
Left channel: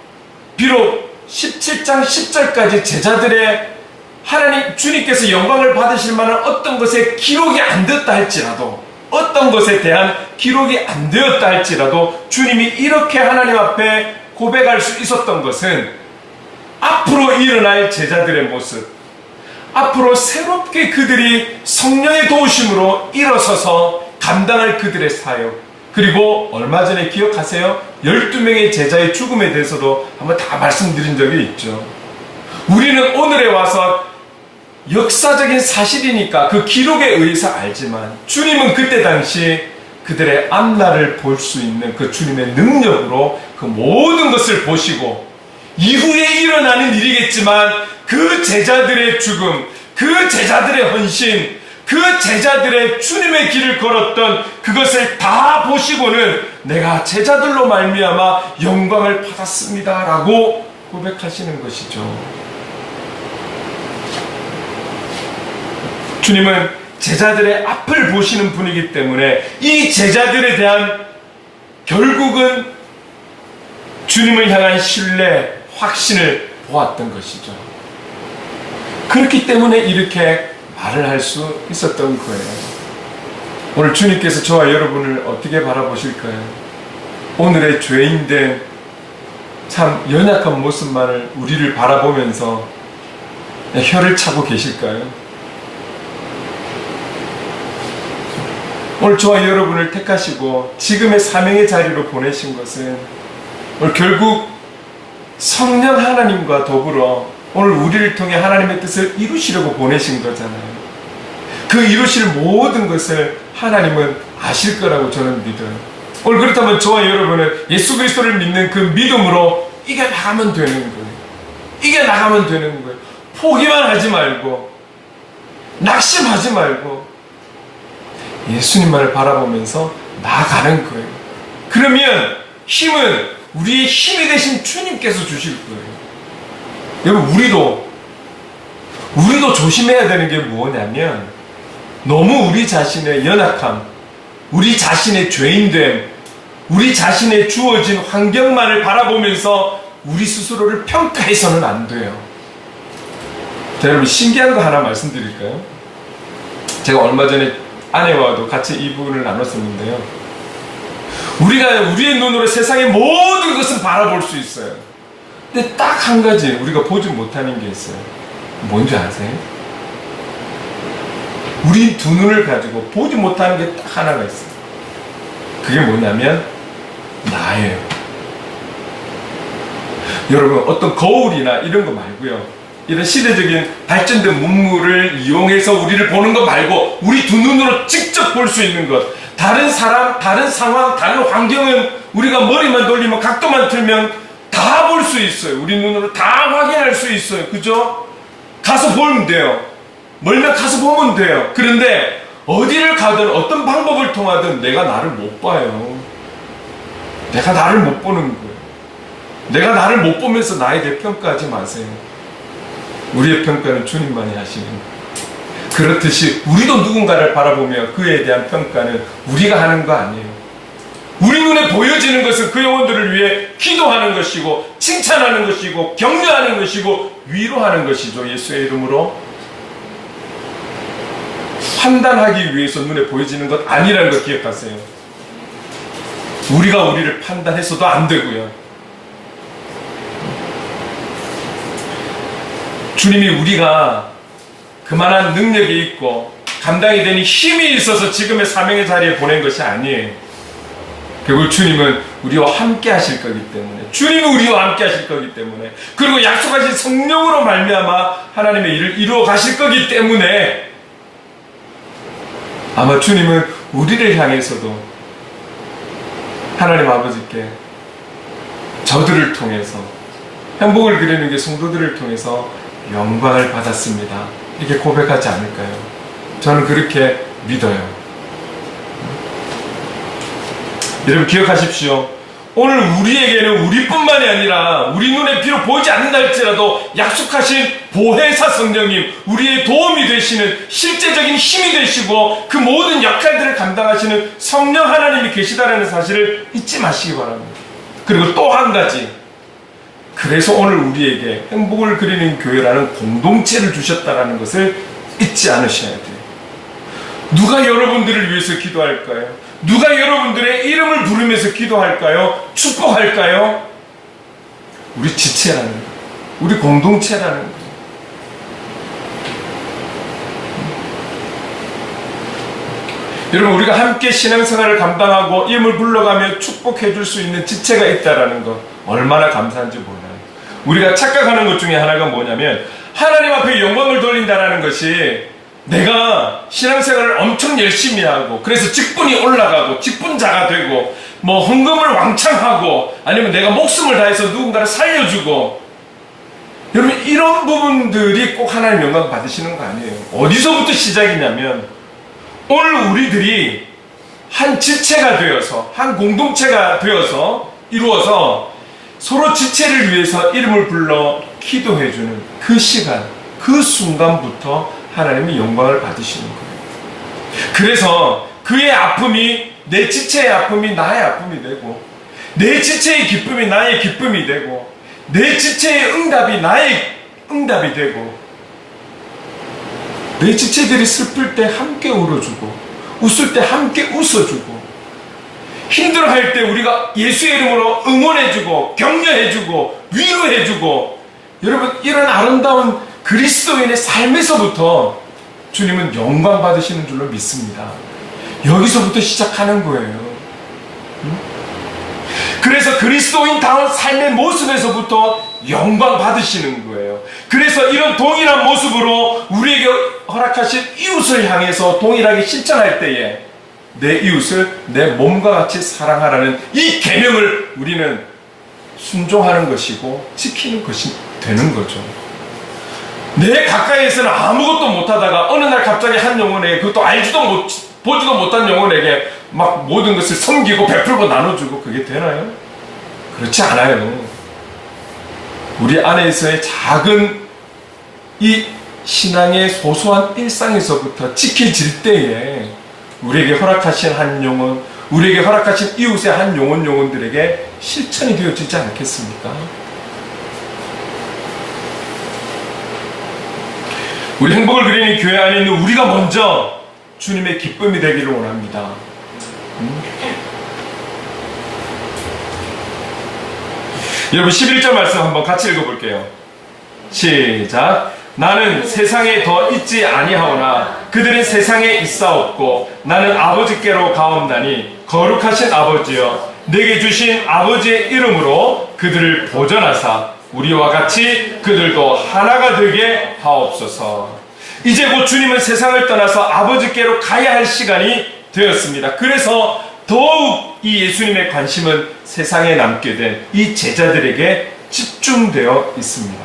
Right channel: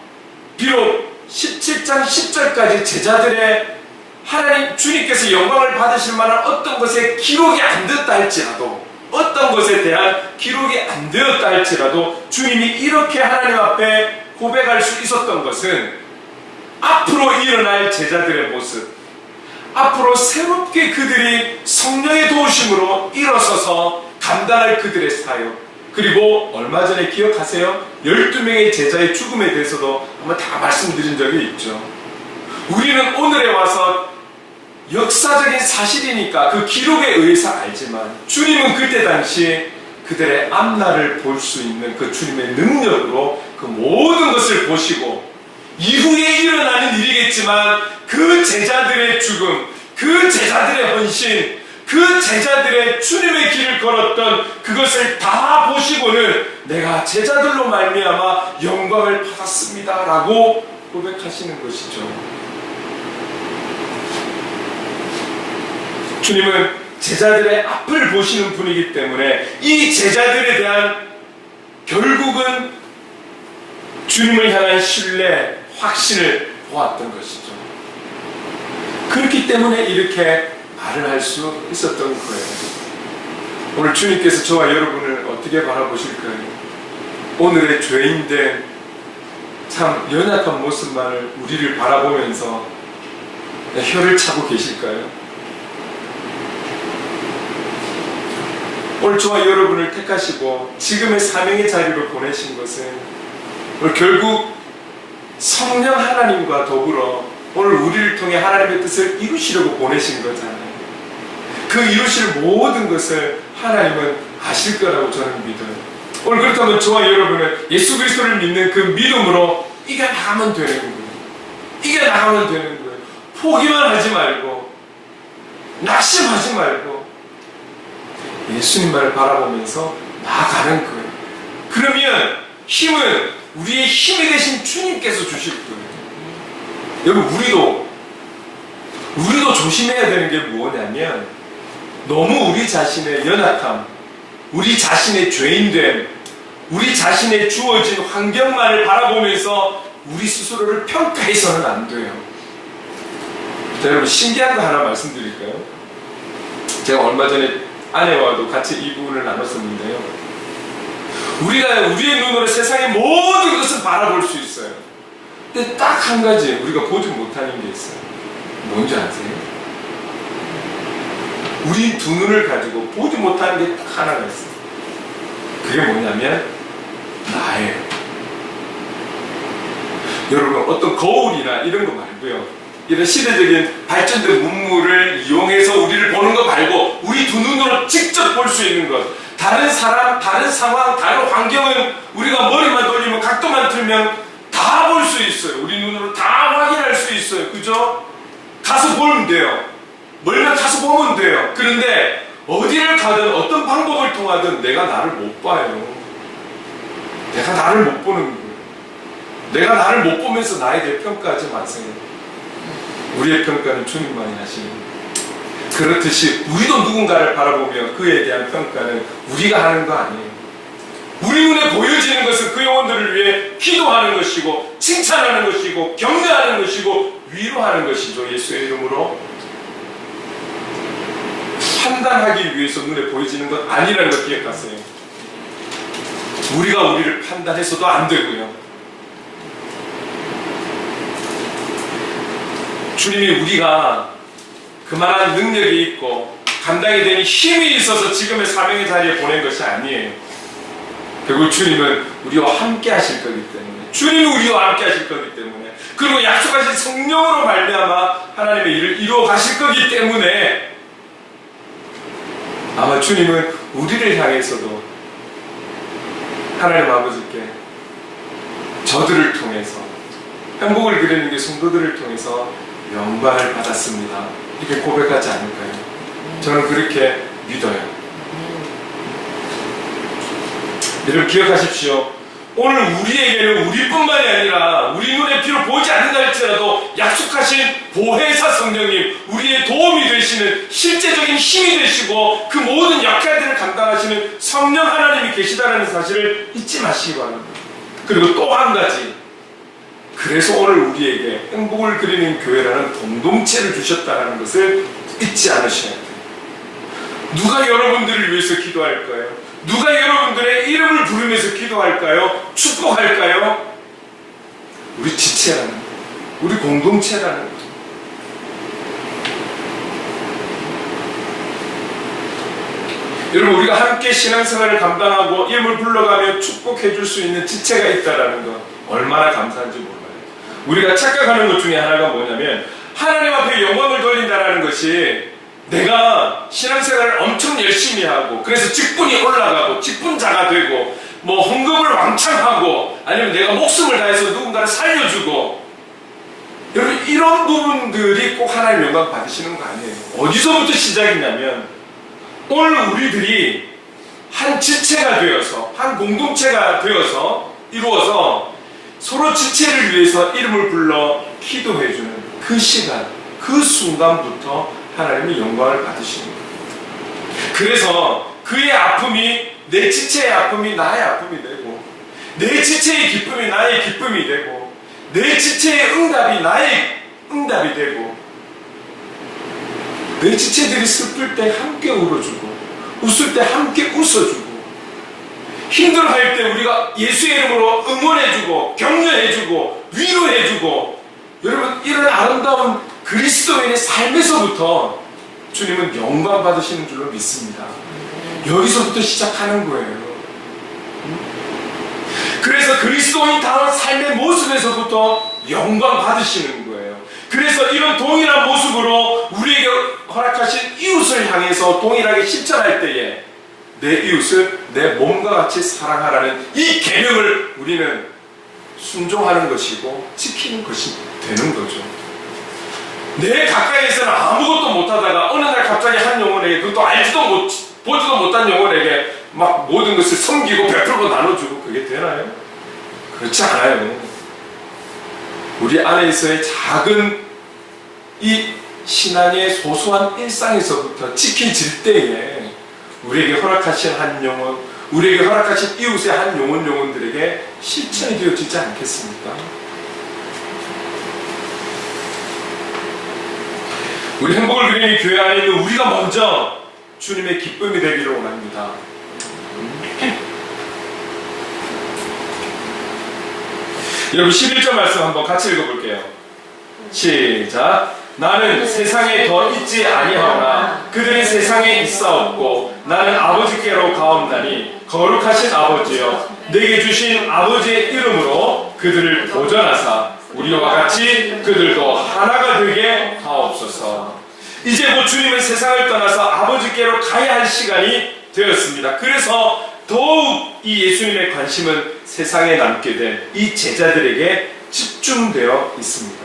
비록 17장 10절까지 제자들의 하나님 주님께서 영광을 받으실 만한 어떤 것에 기록이 안 되었다 할지라도, 어떤 것에 대한 기록이 안 되었다 할지라도 주님이 이렇게 하나님 앞에 고백할 수 있었던 것은 앞으로 일어날 제자들의 모습, 앞으로 새롭게 그들이 성령의 도우심으로 일어서서 감당할 그들의 사역, 그리고 얼마 전에 기억하세요? 12명의 제자의 죽음에 대해서도 아마 다 말씀드린 적이 있죠. 우리는 오늘에 와서 역사적인 사실이니까 그 기록에 의해서 알지만 주님은 그때 당시 그들의 앞날을 볼 수 있는 그 주님의 능력으로 그 모든 것을 보시고 이후에 일어나는 일이겠지만 그 제자들의 죽음, 그 제자들의 헌신, 그 제자들의 주님의 길을 걸었던 그것을 다 보시고는 내가 제자들로 말미암아 영광을 받았습니다 라고 고백하시는 것이죠. 주님은 제자들의 앞을 보시는 분이기 때문에 이 제자들에 대한 결국은 주님을 향한 신뢰, 확신을 보았던 것이죠. 그렇기 때문에 이렇게 말을 할 수 있었던 거예요. 오늘 주님께서 저와 여러분을 어떻게 바라보실까요? 오늘의 죄인된 참 연약한 모습만을 우리를 바라보면서 혀를 차고 계실까요? 오늘 저와 여러분을 택하시고 지금의 사명의 자리로 보내신 것은 오늘 결국 성령 하나님과 더불어 오늘 우리를 통해 하나님의 뜻을 이루시려고 보내신 거잖아요. 그 이루실 모든 것을 하나님은 아실 거라고 저는 믿어요. 오늘 그렇다면 저와 여러분은 예수 그리스도를 믿는 그 믿음으로 이겨나가면 되는 거예요. 이겨나가면 되는 거예요. 포기만 하지 말고 낙심하지 말고 예수님만을 바라보면서 나아가는 거예요. 그러면 힘은 우리의 힘이 되신 주님께서 주실 거예요. 여러분 우리도 조심해야 되는 게 뭐냐면 너무 우리 자신의 연약함, 우리 자신의 죄인됨, 우리 자신의 주어진 환경만을 바라보면서 우리 스스로를 평가해서는 안 돼요. 자, 여러분 신기한 거 하나 말씀드릴까요? 제가 얼마 전에 아내와도 같이 이 부분을 나눴었는데요. 우리가 우리의 눈으로 세상의 모든 것을 바라볼 수 있어요. 근데 딱 한 가지 우리가 보지 못하는 게 있어요. 뭔지 아세요? 우리 두 눈을 가지고 보지 못하는 게 딱 하나가 있어요. 그게 뭐냐면 나예요. 여러분 어떤 거울이나 이런 거 말고요. 이런 시대적인 발전된 문물을 이용해서 우리를 보는 것 말고 우리 두 눈으로 직접 볼 수 있는 것. 다른 사람, 다른 상황, 다른 환경은 우리가 머리만 돌리면 각도만 틀면 다 볼 수 있어요. 우리 눈으로 다 확인할 수 있어요. 그죠? 가서 보면 돼요. 멀면 가서 보면 돼요. 그런데 어디를 가든 어떤 방법을 통하든 내가 나를 못 봐요. 내가 나를 못 보는 거예요. 내가 나를 못 보면서 나에 대해 평가하지 마세요. 우리의 평가는 주님만이 하시는 거예요. 그렇듯이 우리도 누군가를 바라보며 그에 대한 평가는 우리가 하는 거 아니에요. 우리 눈에 보여지는 것은 그 영혼들을 위해 기도하는 것이고 칭찬하는 것이고 격려하는 것이고 위로하는 것이죠. 예수의 이름으로 판단하기 위해서 눈에 보여지는 것 아니라는 걸 기억하세요. 우리가 우리를 판단해서도 안 되고요. 주님이 우리가 그만한 능력이 있고 감당이 되는 힘이 있어서 지금의 사명의 자리에 보낸 것이 아니에요. 결국 주님은 우리와 함께 하실 거기 때문에, 주님은 우리와 함께 하실 거기 때문에, 그리고 약속하신 성령으로 말미암아 하나님의 일을 이루어 가실 거기 때문에 아마 주님은 우리를 향해서도 하나님 아버지께 저들을 통해서 행복을 드리는 게 성도들을 통해서 영광을 받았습니다. 이렇게 고백하지 않을까요? 저는 그렇게 믿어요. 여러분 기억하십시오. 오늘 우리에게는 우리뿐만이 아니라 우리 눈에 비록 보이지 않는다 할지라도 약속하신 보혜사 성령님, 우리의 도움이 되시는 실제적인 힘이 되시고 그 모든 역할들을 감당하시는 성령 하나님이 계시다는 사실을 잊지 마시기 바랍니다. 그리고 또 한 가지, 그래서 오늘 우리에게 행복을 그리는 교회라는 공동체를 주셨다는 것을 잊지 않으셔야 돼요. 누가 여러분들을 위해서 기도할까요? 누가 여러분들의 이름을 부르면서 기도할까요? 축복할까요? 우리 지체라는 거예요. 우리 공동체라는 거예요. 여러분, 우리가 함께 신앙생활을 감당하고 이름을 불러가며 축복해 줄 수 있는 지체가 있다는 것 얼마나 감사한지 몰라요. 우리가 착각하는 것 중에 하나가 뭐냐면 하나님 앞에 영광을 돌린다는 것이 내가 신앙생활을 엄청 열심히 하고 그래서 직분이 올라가고 직분자가 되고 뭐 헌금을 왕창 하고 아니면 내가 목숨을 다해서 누군가를 살려주고, 여러분 이런 부분들이 꼭 하나님 영광 받으시는 거 아니에요. 어디서부터 시작이냐면 오늘 우리들이 한 지체가 되어서 한 공동체가 되어서 이루어서 서로 지체를 위해서 이름을 불러 기도해주는 그 시간, 그 순간부터 하나님이 영광을 받으시는 거예요. 그래서 그의 아픔이 내 지체의 아픔이 나의 아픔이 되고, 내 지체의 기쁨이 나의 기쁨이 되고, 내 지체의 응답이 나의 응답이 되고, 내 지체들이 슬플 때 함께 울어주고 웃을 때 함께 웃어주고, 힘들어할 때 우리가 예수의 이름으로 응원해주고 격려해주고 위로해주고, 여러분 이런 아름다운 그리스도인의 삶에서부터 주님은 영광 받으시는 줄로 믿습니다. 여기서부터 시작하는 거예요. 그래서 그리스도인다운 삶의 모습에서부터 영광 받으시는 거예요. 그래서 이런 동일한 모습으로 우리에게 허락하신 이웃을 향해서 동일하게 실천할 때에 내 이웃을 내 몸과 같이 사랑하라는 이 계명을 우리는 순종하는 것이고 지키는 것이 되는 거죠. 내 가까이에서는 아무것도 못하다가 어느 날 갑자기 한 영혼에게, 그것도 보지도 못한 영혼에게 막 모든 것을 섬기고 베풀고 나눠주고, 그게 되나요? 그렇지 않아요. 우리 안에서의 작은 이 신앙의 소소한 일상에서부터 지켜질 때에 우리에게 허락하신 한 영혼, 우리에게 허락하신 이웃의 한 영혼들에게 실천이 되어지지 않겠습니까? 우리 행복을 그리는 교회 안에 있는 우리가 먼저 주님의 기쁨이 되기를 원합니다. 여러분 11절 말씀 한번 같이 읽어볼게요. 시작. 나는 세상에 더 있지 아니하오나 그들은 세상에 있사옵고 나는 아버지께로 가옵나니 거룩하신 아버지여, 내게 주신 아버지의 이름으로 그들을 보전하사 우리와 같이 그들도 하나가 되게 하옵소서. 이제 곧 주님은 세상을 떠나서 아버지께로 가야 할 시간이 되었습니다. 그래서 더욱 이 예수님의 관심은 세상에 남게 된 이 제자들에게 집중되어 있습니다.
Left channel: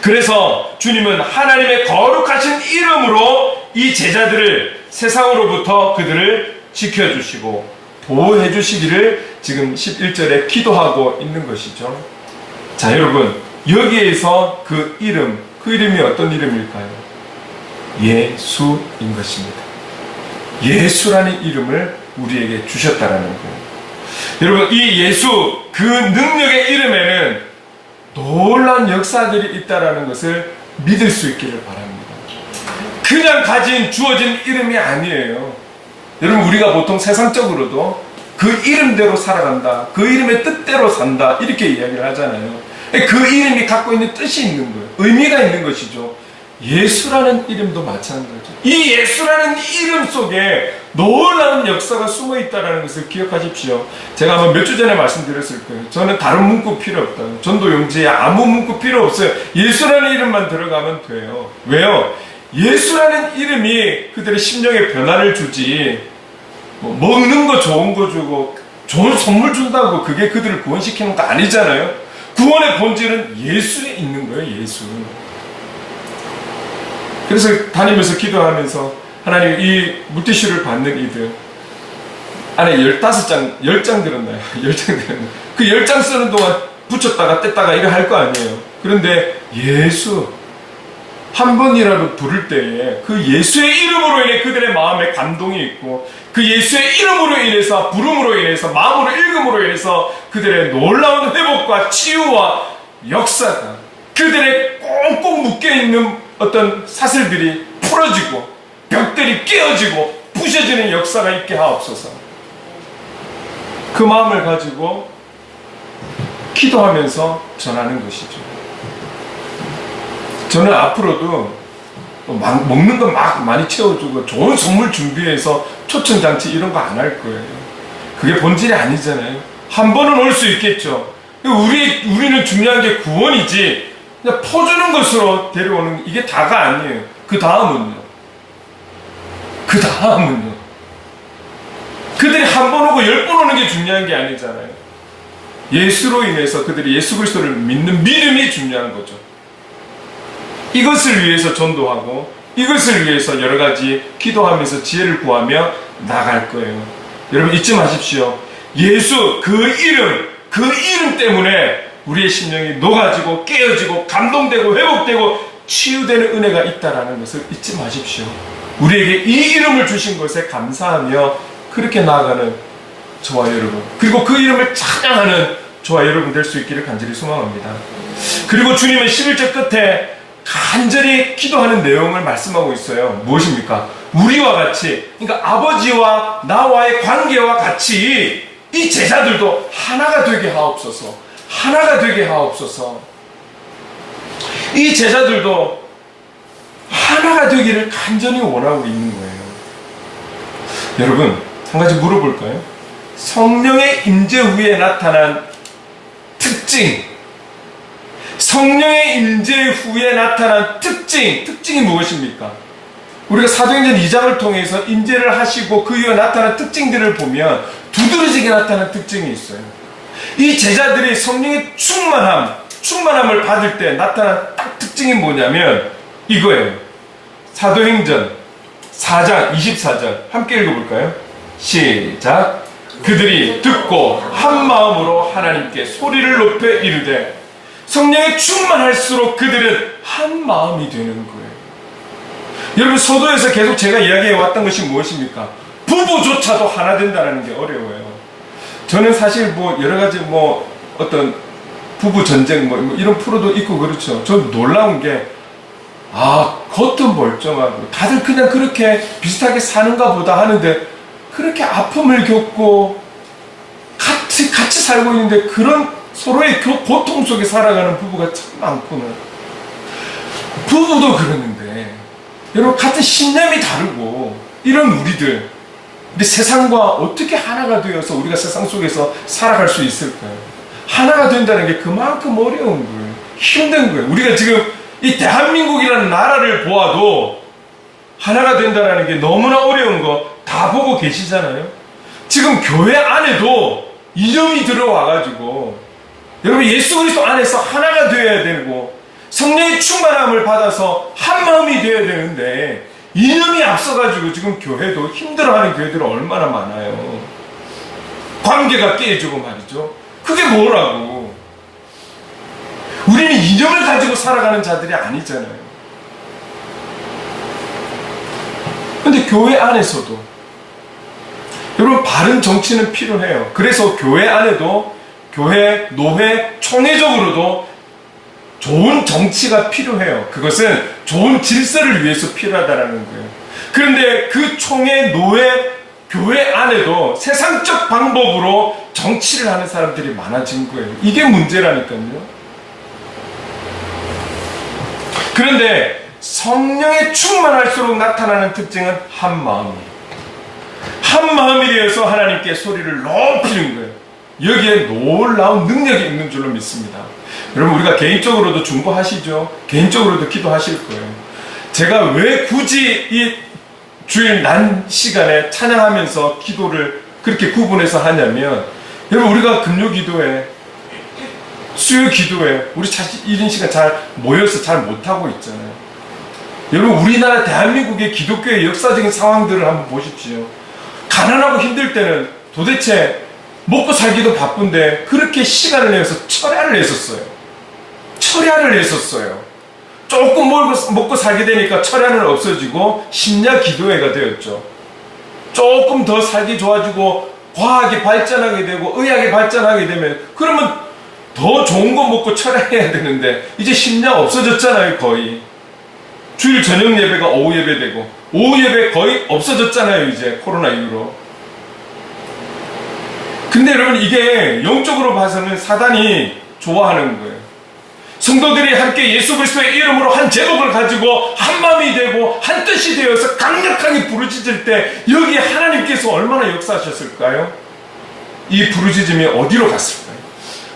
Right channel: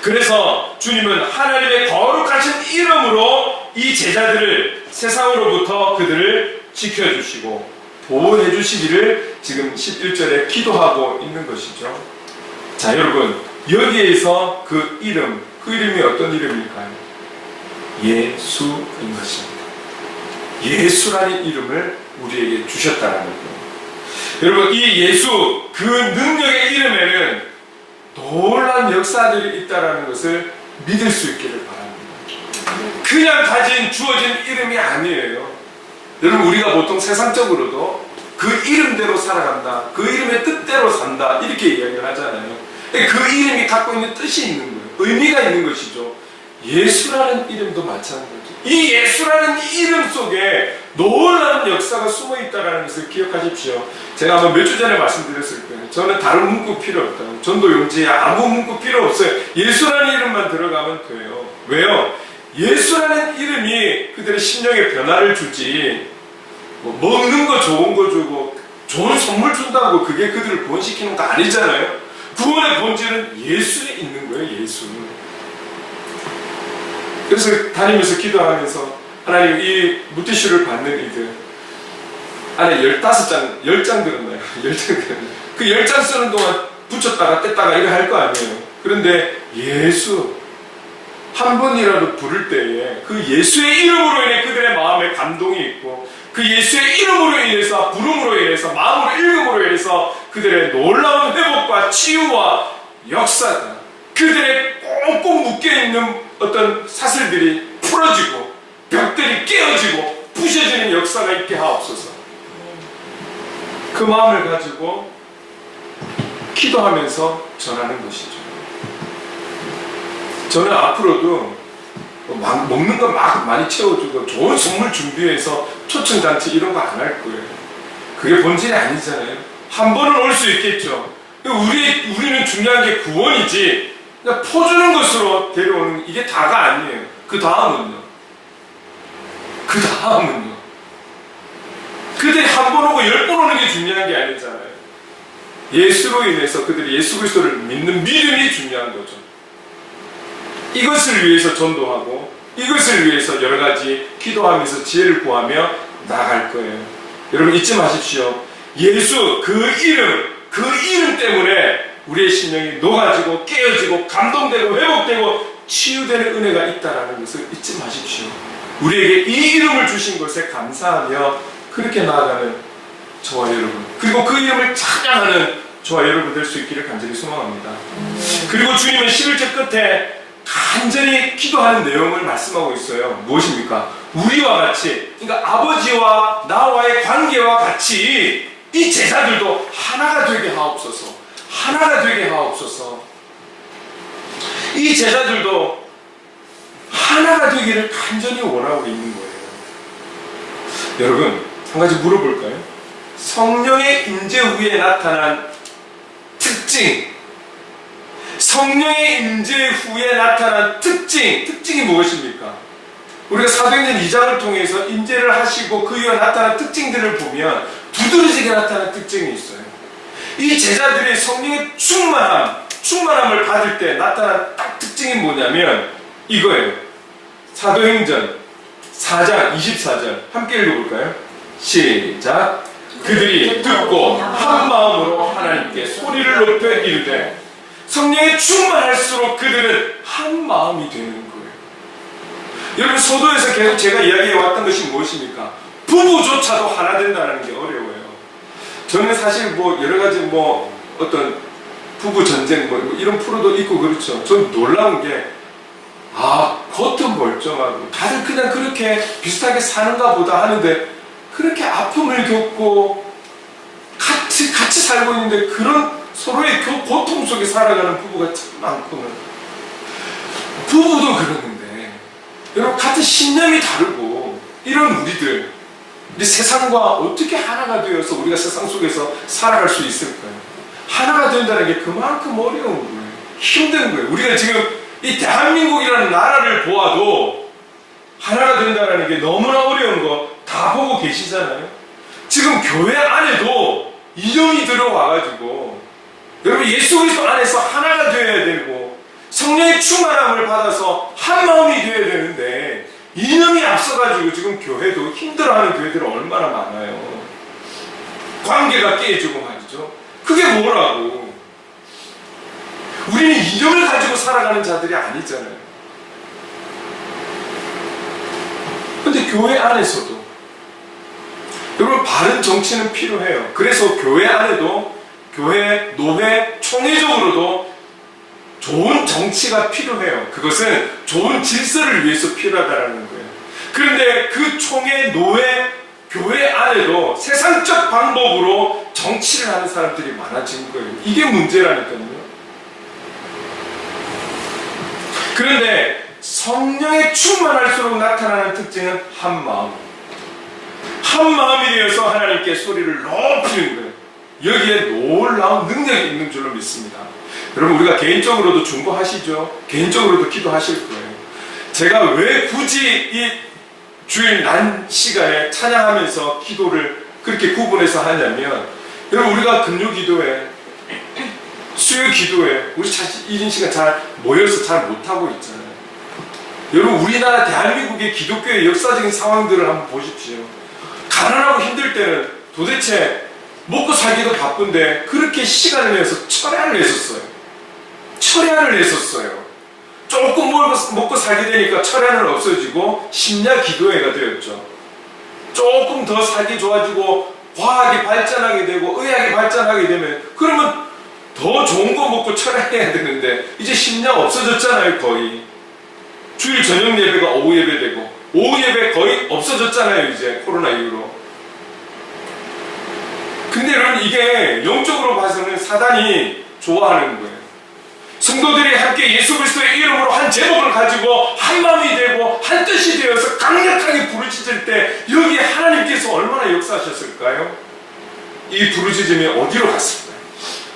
그래서 주님은 하나님의 거룩하신 이름으로 이 제자들을 세상으로부터 그들을 지켜주시고 보호해 주시기를 지금 11절에 기도하고 있는 것이죠. 자, 여러분 여기에서 그 이름이 어떤 이름일까요? 예수인 것입니다. 예수라는 이름을 우리에게 주셨다라는 거예요. 여러분 이 예수, 그 능력의 이름에는 놀라운 역사들이 있다라는 것을 믿을 수 있기를 바랍니다. 그냥 주어진 이름이 아니에요. 여러분 우리가 보통 세상적으로도 그 이름대로 살아간다, 그 이름의 뜻대로 산다, 이렇게 이야기를 하잖아요. 그 이름이 갖고 있는 뜻이 있는 거예요. 의미가 있는 것이죠. 예수라는 이름도 마찬가지죠. 이 예수라는 이름 속에 놀라운 역사가 숨어 있다는 것을 기억하십시오. 제가 아마 몇 주 전에 말씀드렸을 거예요. 저는 다른 문구 필요 없다고. 전도 용지에 아무 문구 필요 없어요. 예수라는 이름만 들어가면 돼요. 왜요? 예수라는 이름이 그들의 심령에 변화를 주지, 먹는 거 좋은 거 주고 좋은 선물 준다고 그게 그들을 구원시키는 거 아니잖아요. 구원의 본질은 예수에 있는 거예요. 예수. 그래서 다니면서 기도하면서 하나님 이 물티슈를 받는 이들 안에 15장, 10장 들었나요? 10장 들었나요? 그 10장 쓰는 동안 붙였다가 뗐다가 이거 할 거 아니에요. 그런데 예수 한 번이라도 부를 때에 그 예수의 이름으로 인해 그들의 마음에 감동이 있고 그 예수의 이름으로 인해서 부름으로 인해서 마음으로 읽음으로 인해서 그들의 놀라운 회복과 치유와 역사가 그들의 꽁꽁 묶여있는 어떤 사슬들이 풀어지고 벽들이 깨어지고 부셔지는 역사가 있게 하옵소서. 그 마음을 가지고 기도하면서 전하는 것이죠. 저는 앞으로도 먹는 거 막 많이 채워주고 좋은 선물 준비해서 초청잔치 이런 거 안 할 거예요. 그게 본질이 아니잖아요. 한 번은 올 수 있겠죠. 우리는 중요한 게 구원이지 그냥 퍼주는 것으로 데려오는 이게 다가 아니에요. 그 다음은요. 그들이 한 번 오고 10번 오는 게 중요한 게 아니잖아요. 예수로 인해서 그들이 예수 그리스도를 믿는 믿음이 중요한 거죠. 이것을 위해서 전도하고 이것을 위해서 여러 가지 기도하면서 지혜를 구하며 나갈 거예요. 여러분 잊지 마십시오. 예수 그 이름 때문에 우리의 심령이 녹아지고 깨어지고 감동되고 회복되고 치유되는 은혜가 있다는 것을 잊지 마십시오. 우리에게 이 이름을 주신 것에 감사하며 그렇게 나아가는 저와 여러분, 그리고 그 이름을 찬양하는 저와 여러분 될 수 있기를 간절히 소망합니다. 그리고 주님은 11절 끝에 간절히 기도하는 내용을 말씀하고 있어요. 무엇입니까? 우리와 같이, 그러니까 아버지와 나와의 관계와 같이 이 제자들도 하나가 되게 하옵소서. 하나가 되게 하옵소서. 이 제자들도 하나가 되기를 간절히 원하고 있는 거예요. 여러분, 한 가지 물어볼까요? 성령의 임재 후에 나타난 특징, 성령의 임재 후에 나타난 특징이 무엇입니까? 우리가 사도행전 2장을 통해서 임재를 하시고 그 이후에 나타난 특징들을 보면 두드러지게 나타난 특징이 있어요. 이 제자들이 성령의 충만함을 받을 때 나타난 딱 특징이 뭐냐면 이거예요. 사도행전 4장 24절 함께 읽어볼까요? 시작. 그들이 듣고 한 마음으로 하나님께 소리를 높여 이르되 성령에 충만할수록 그들은 한 마음이 되는 거예요. 여러분 서도에서 계속 제가 이야기해 왔던 것이 무엇입니까? 부부조차도 하나 된다는 게 어려워요. 저는 사실 여러 가지 어떤 부부 전쟁 이런 프로도 있고 그렇죠. 전 놀라운 게 겉은 멀쩡하고 다들 그냥 그렇게 비슷하게 사는가 보다 하는데 그렇게 아픔을 겪고 같이 살고 있는데 그런 서로의 고통 속에 살아가는 부부가 참 많구나. 부부도 그러는데 여러분 같은 신념이 다르고 이런 우리 세상과 어떻게 하나가 되어서 우리가 세상 속에서 살아갈 수 있을까요? 하나가 된다는 게 그만큼 어려운 거예요. 힘든 거예요. 우리가 지금 이 대한민국이라는 나라를 보아도 하나가 된다는 게 너무나 어려운 거 다 보고 계시잖아요. 지금 교회 안에도 이념이 들어와가지고 여러분 예수 그리스도 안에서 하나가 되어야 되고 성령의 충만함을 받아서 한 마음이 되어야 되는데 이념이 앞서가지고 지금 교회도 힘들어하는 교회들은 얼마나 많아요. 관계가 깨지고 말이죠. 그게 뭐라고. 우리는 이념을 가지고 살아가는 자들이 아니잖아요. 근데 교회 안에서도 여러분 바른 정치는 필요해요. 그래서 교회 안에도 교회, 노회, 총회적으로도 좋은 정치가 필요해요. 그것은 좋은 질서를 위해서 필요하다는 거예요. 그런데 그 총회, 노회, 교회 안에도 세상적 방법으로 정치를 하는 사람들이 많아진 거예요. 이게 문제라니까요. 그런데 성령에 충만할수록 나타나는 특징은 한 마음이에요. 한 마음이 되어서 하나님께 소리를 높이는 거예요. 여기에 놀라운 능력이 있는 줄로 믿습니다. 여러분 우리가 개인적으로도 중보하시죠. 개인적으로도 기도하실 거예요. 제가 왜 굳이 이 주일 난 시간에 찬양하면서 기도를 그렇게 구분해서 하냐면 여러분 우리가 금요 기도에 수요 기도에 우리 사실 1인 시간 잘 모여서 잘 못하고 있잖아요. 여러분, 우리나라 대한민국의 기독교의 역사적인 상황들을 한번 보십시오. 가난하고 힘들 때는 도대체 먹고 살기도 바쁜데 그렇게 시간을 내서 철야를 했었어요. 철야를 했었어요. 조금 먹고 살게 되니까 철야는 없어지고 심야 기도회가 되었죠. 조금 더 살기 좋아지고 과학이 발전하게 되고 의학이 발전하게 되면 그러면 더 좋은 거 먹고 철야해야 되는데 이제 심야 없어졌잖아요. 거의 주일 저녁 예배가 오후 예배 되고 오후 예배 거의 없어졌잖아요. 이제 코로나 이후로. 근데 여러분, 이게 영적으로 봐서는 사단이 좋아하는 거예요. 성도들이 함께 예수 그리스도의 이름으로 한 제목을 가지고 한 마음이 되고 한 뜻이 되어서 강력하게 부르짖을 때 여기에 하나님께서 얼마나 역사하셨을까요? 이 부르짖음이 어디로 갔을까요?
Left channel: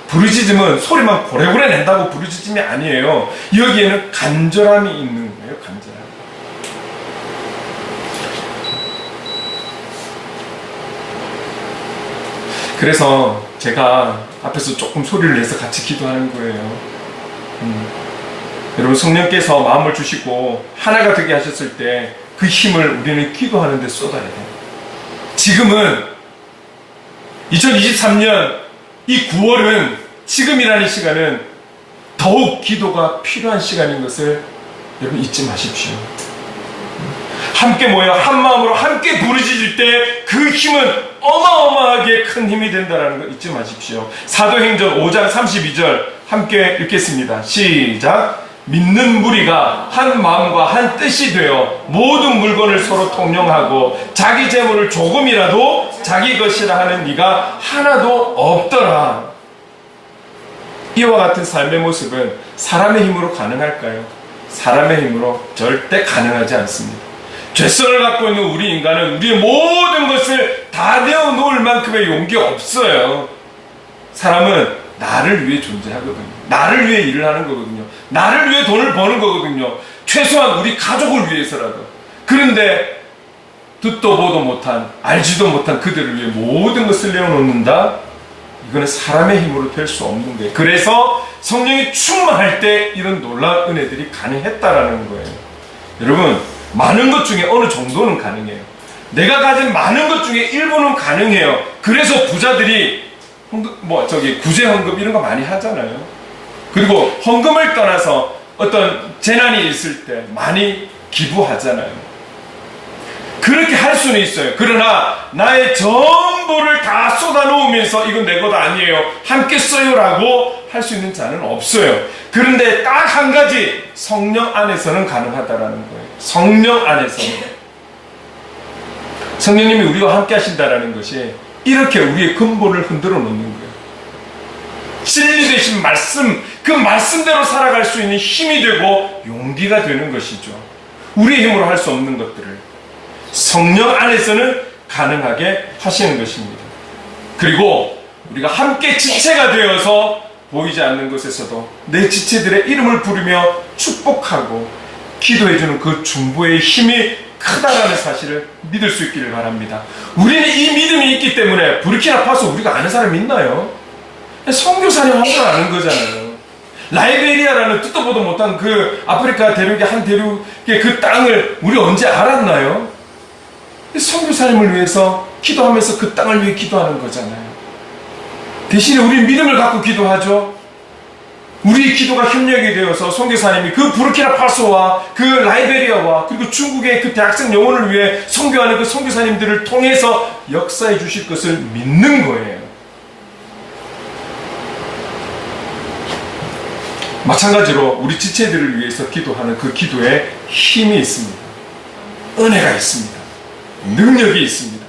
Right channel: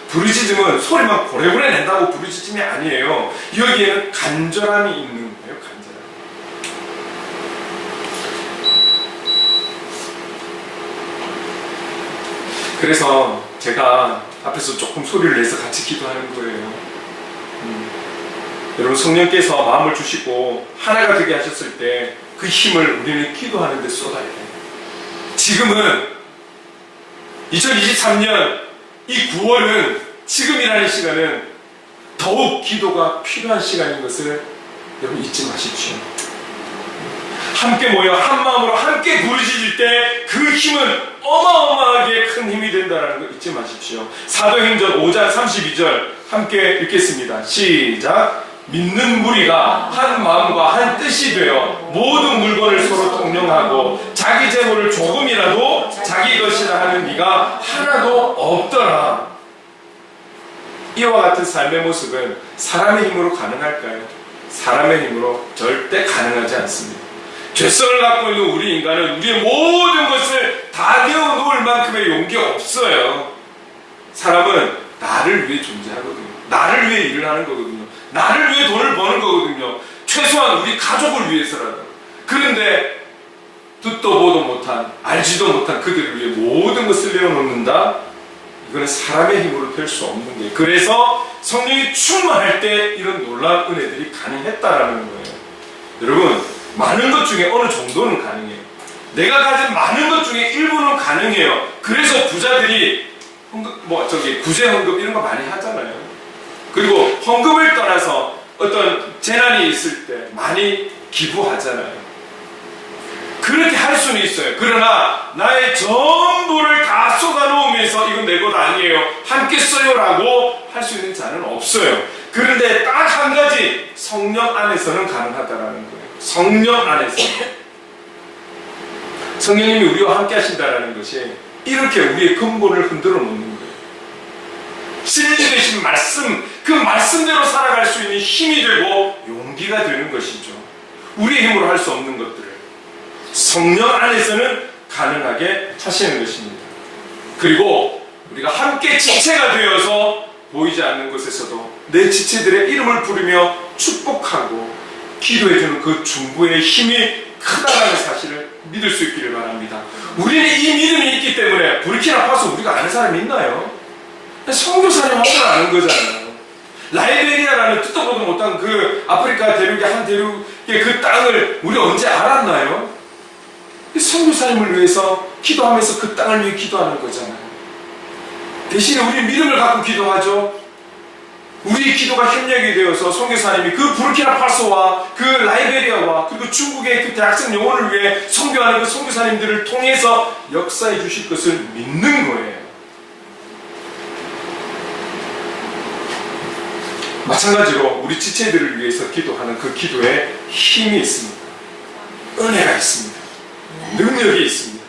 부르짖음은 소리만 고래고래 낸다고 부르짖음이 아니에요. 여기에는 간절함이 있는 거예요. 간절함. 그래서 제가 앞에서 조금 소리를 내서 같이 기도하는 거예요. 여러분, 성령께서 마음을 주시고 하나가 되게 하셨을 때 그 힘을 우리는 기도하는 데 쏟아야 돼요. 지금은 2023년 이 9월은 지금이라는 시간은 더욱 기도가 필요한 시간인 것을 여러분 잊지 마십시오. 함께 모여 한 마음으로 함께 부르짖을 때 그 힘은 어마어마하게 큰 힘이 된다는 거 잊지 마십시오. 사도행전 5장 32절 함께 읽겠습니다. 시작. 믿는 무리가 한 마음과 한 뜻이 되어 모든 물건을 서로 통용하고 자기 재물을 조금이라도 자기 것이라 하는 이가 하나도 없더라. 이와 같은 삶의 모습은 사람의 힘으로 가능할까요? 사람의 힘으로 절대 가능하지 않습니다. 죄성을 갖고 있는 우리 인간은 우리의 모든 것을 다 내어놓을 만큼의 용기가 없어요. 사람은 나를 위해 존재하거든요. 나를 위해 일을 하는 거거든요. 나를 위해 돈을 버는 거거든요. 최소한 우리 가족을 위해서라도. 그런데 듣도 보도 못한, 알지도 못한 그들을 위해 모든 것을 내어놓는다? 이거는 사람의 힘으로 될 수 없는 거예요. 그래서 성령이 충만할 때 이런 놀라운 은혜들이 가능했다라는 거예요. 여러분, 많은 것 중에 어느 정도는 가능해요. 내가 가진 많은 것 중에 일부는 가능해요. 그래서 부자들이 구제 헌금 이런 거 많이 하잖아요. 그리고 헌금을 떠나서 어떤 재난이 있을 때 많이 기부하잖아요. 그렇게 할 수는 있어요. 그러나 나의 전부를 다 쏟아놓으면서 이건 내 것 아니에요, 함께 써요라고 할 수 있는 자는 없어요. 그런데 딱 한 가지, 성령 안에서는 가능하다라는 거예요. 성령 안에서는. 성령님이 우리와 함께 하신다라는 것이 이렇게 우리의 근본을 흔들어 놓는 거예요. 진리 되신 말씀, 그 말씀대로 살아갈 수 있는 힘이 되고 용기가 되는 것이죠. 우리의 힘으로 할 수 없는 것들을 성령 안에서는 가능하게 하시는 것입니다. 그리고 우리가 함께 지체가 되어서 보이지 않는 것에서도 내 지체들의 이름을 부르며 축복하고 기도해주는 그 중보의 힘이 크다라는 사실을 믿을 수 있기를 바랍니다. 우리는 이 믿음이 있기 때문에 부르키나파소 우리가 아는 사람이 있나요? 선교사님 한 번 아는 거잖아요. 라이베리아라는 듣도 보도 못한 그 아프리카 대륙의 한 대륙의 그 땅을 우리 언제 알았나요? 선교사님을 위해서 기도하면서 그 땅을 위해 기도하는 거잖아요. 대신에 우리 믿음을 갖고 기도하죠. 우리의 기도가 협력이 되어서 선교사님이 그 부르키나파소와 그 라이베리아와 그리고 중국의 그 대학생 영혼을 위해 선교하는 그 선교사님들을 통해서 역사해 주실 것을 믿는 거예요. 마찬가지로 우리 지체들을 위해서 기도하는 그 기도에 힘이 있습니다. 은혜가 있습니다. 능력이 있습니다.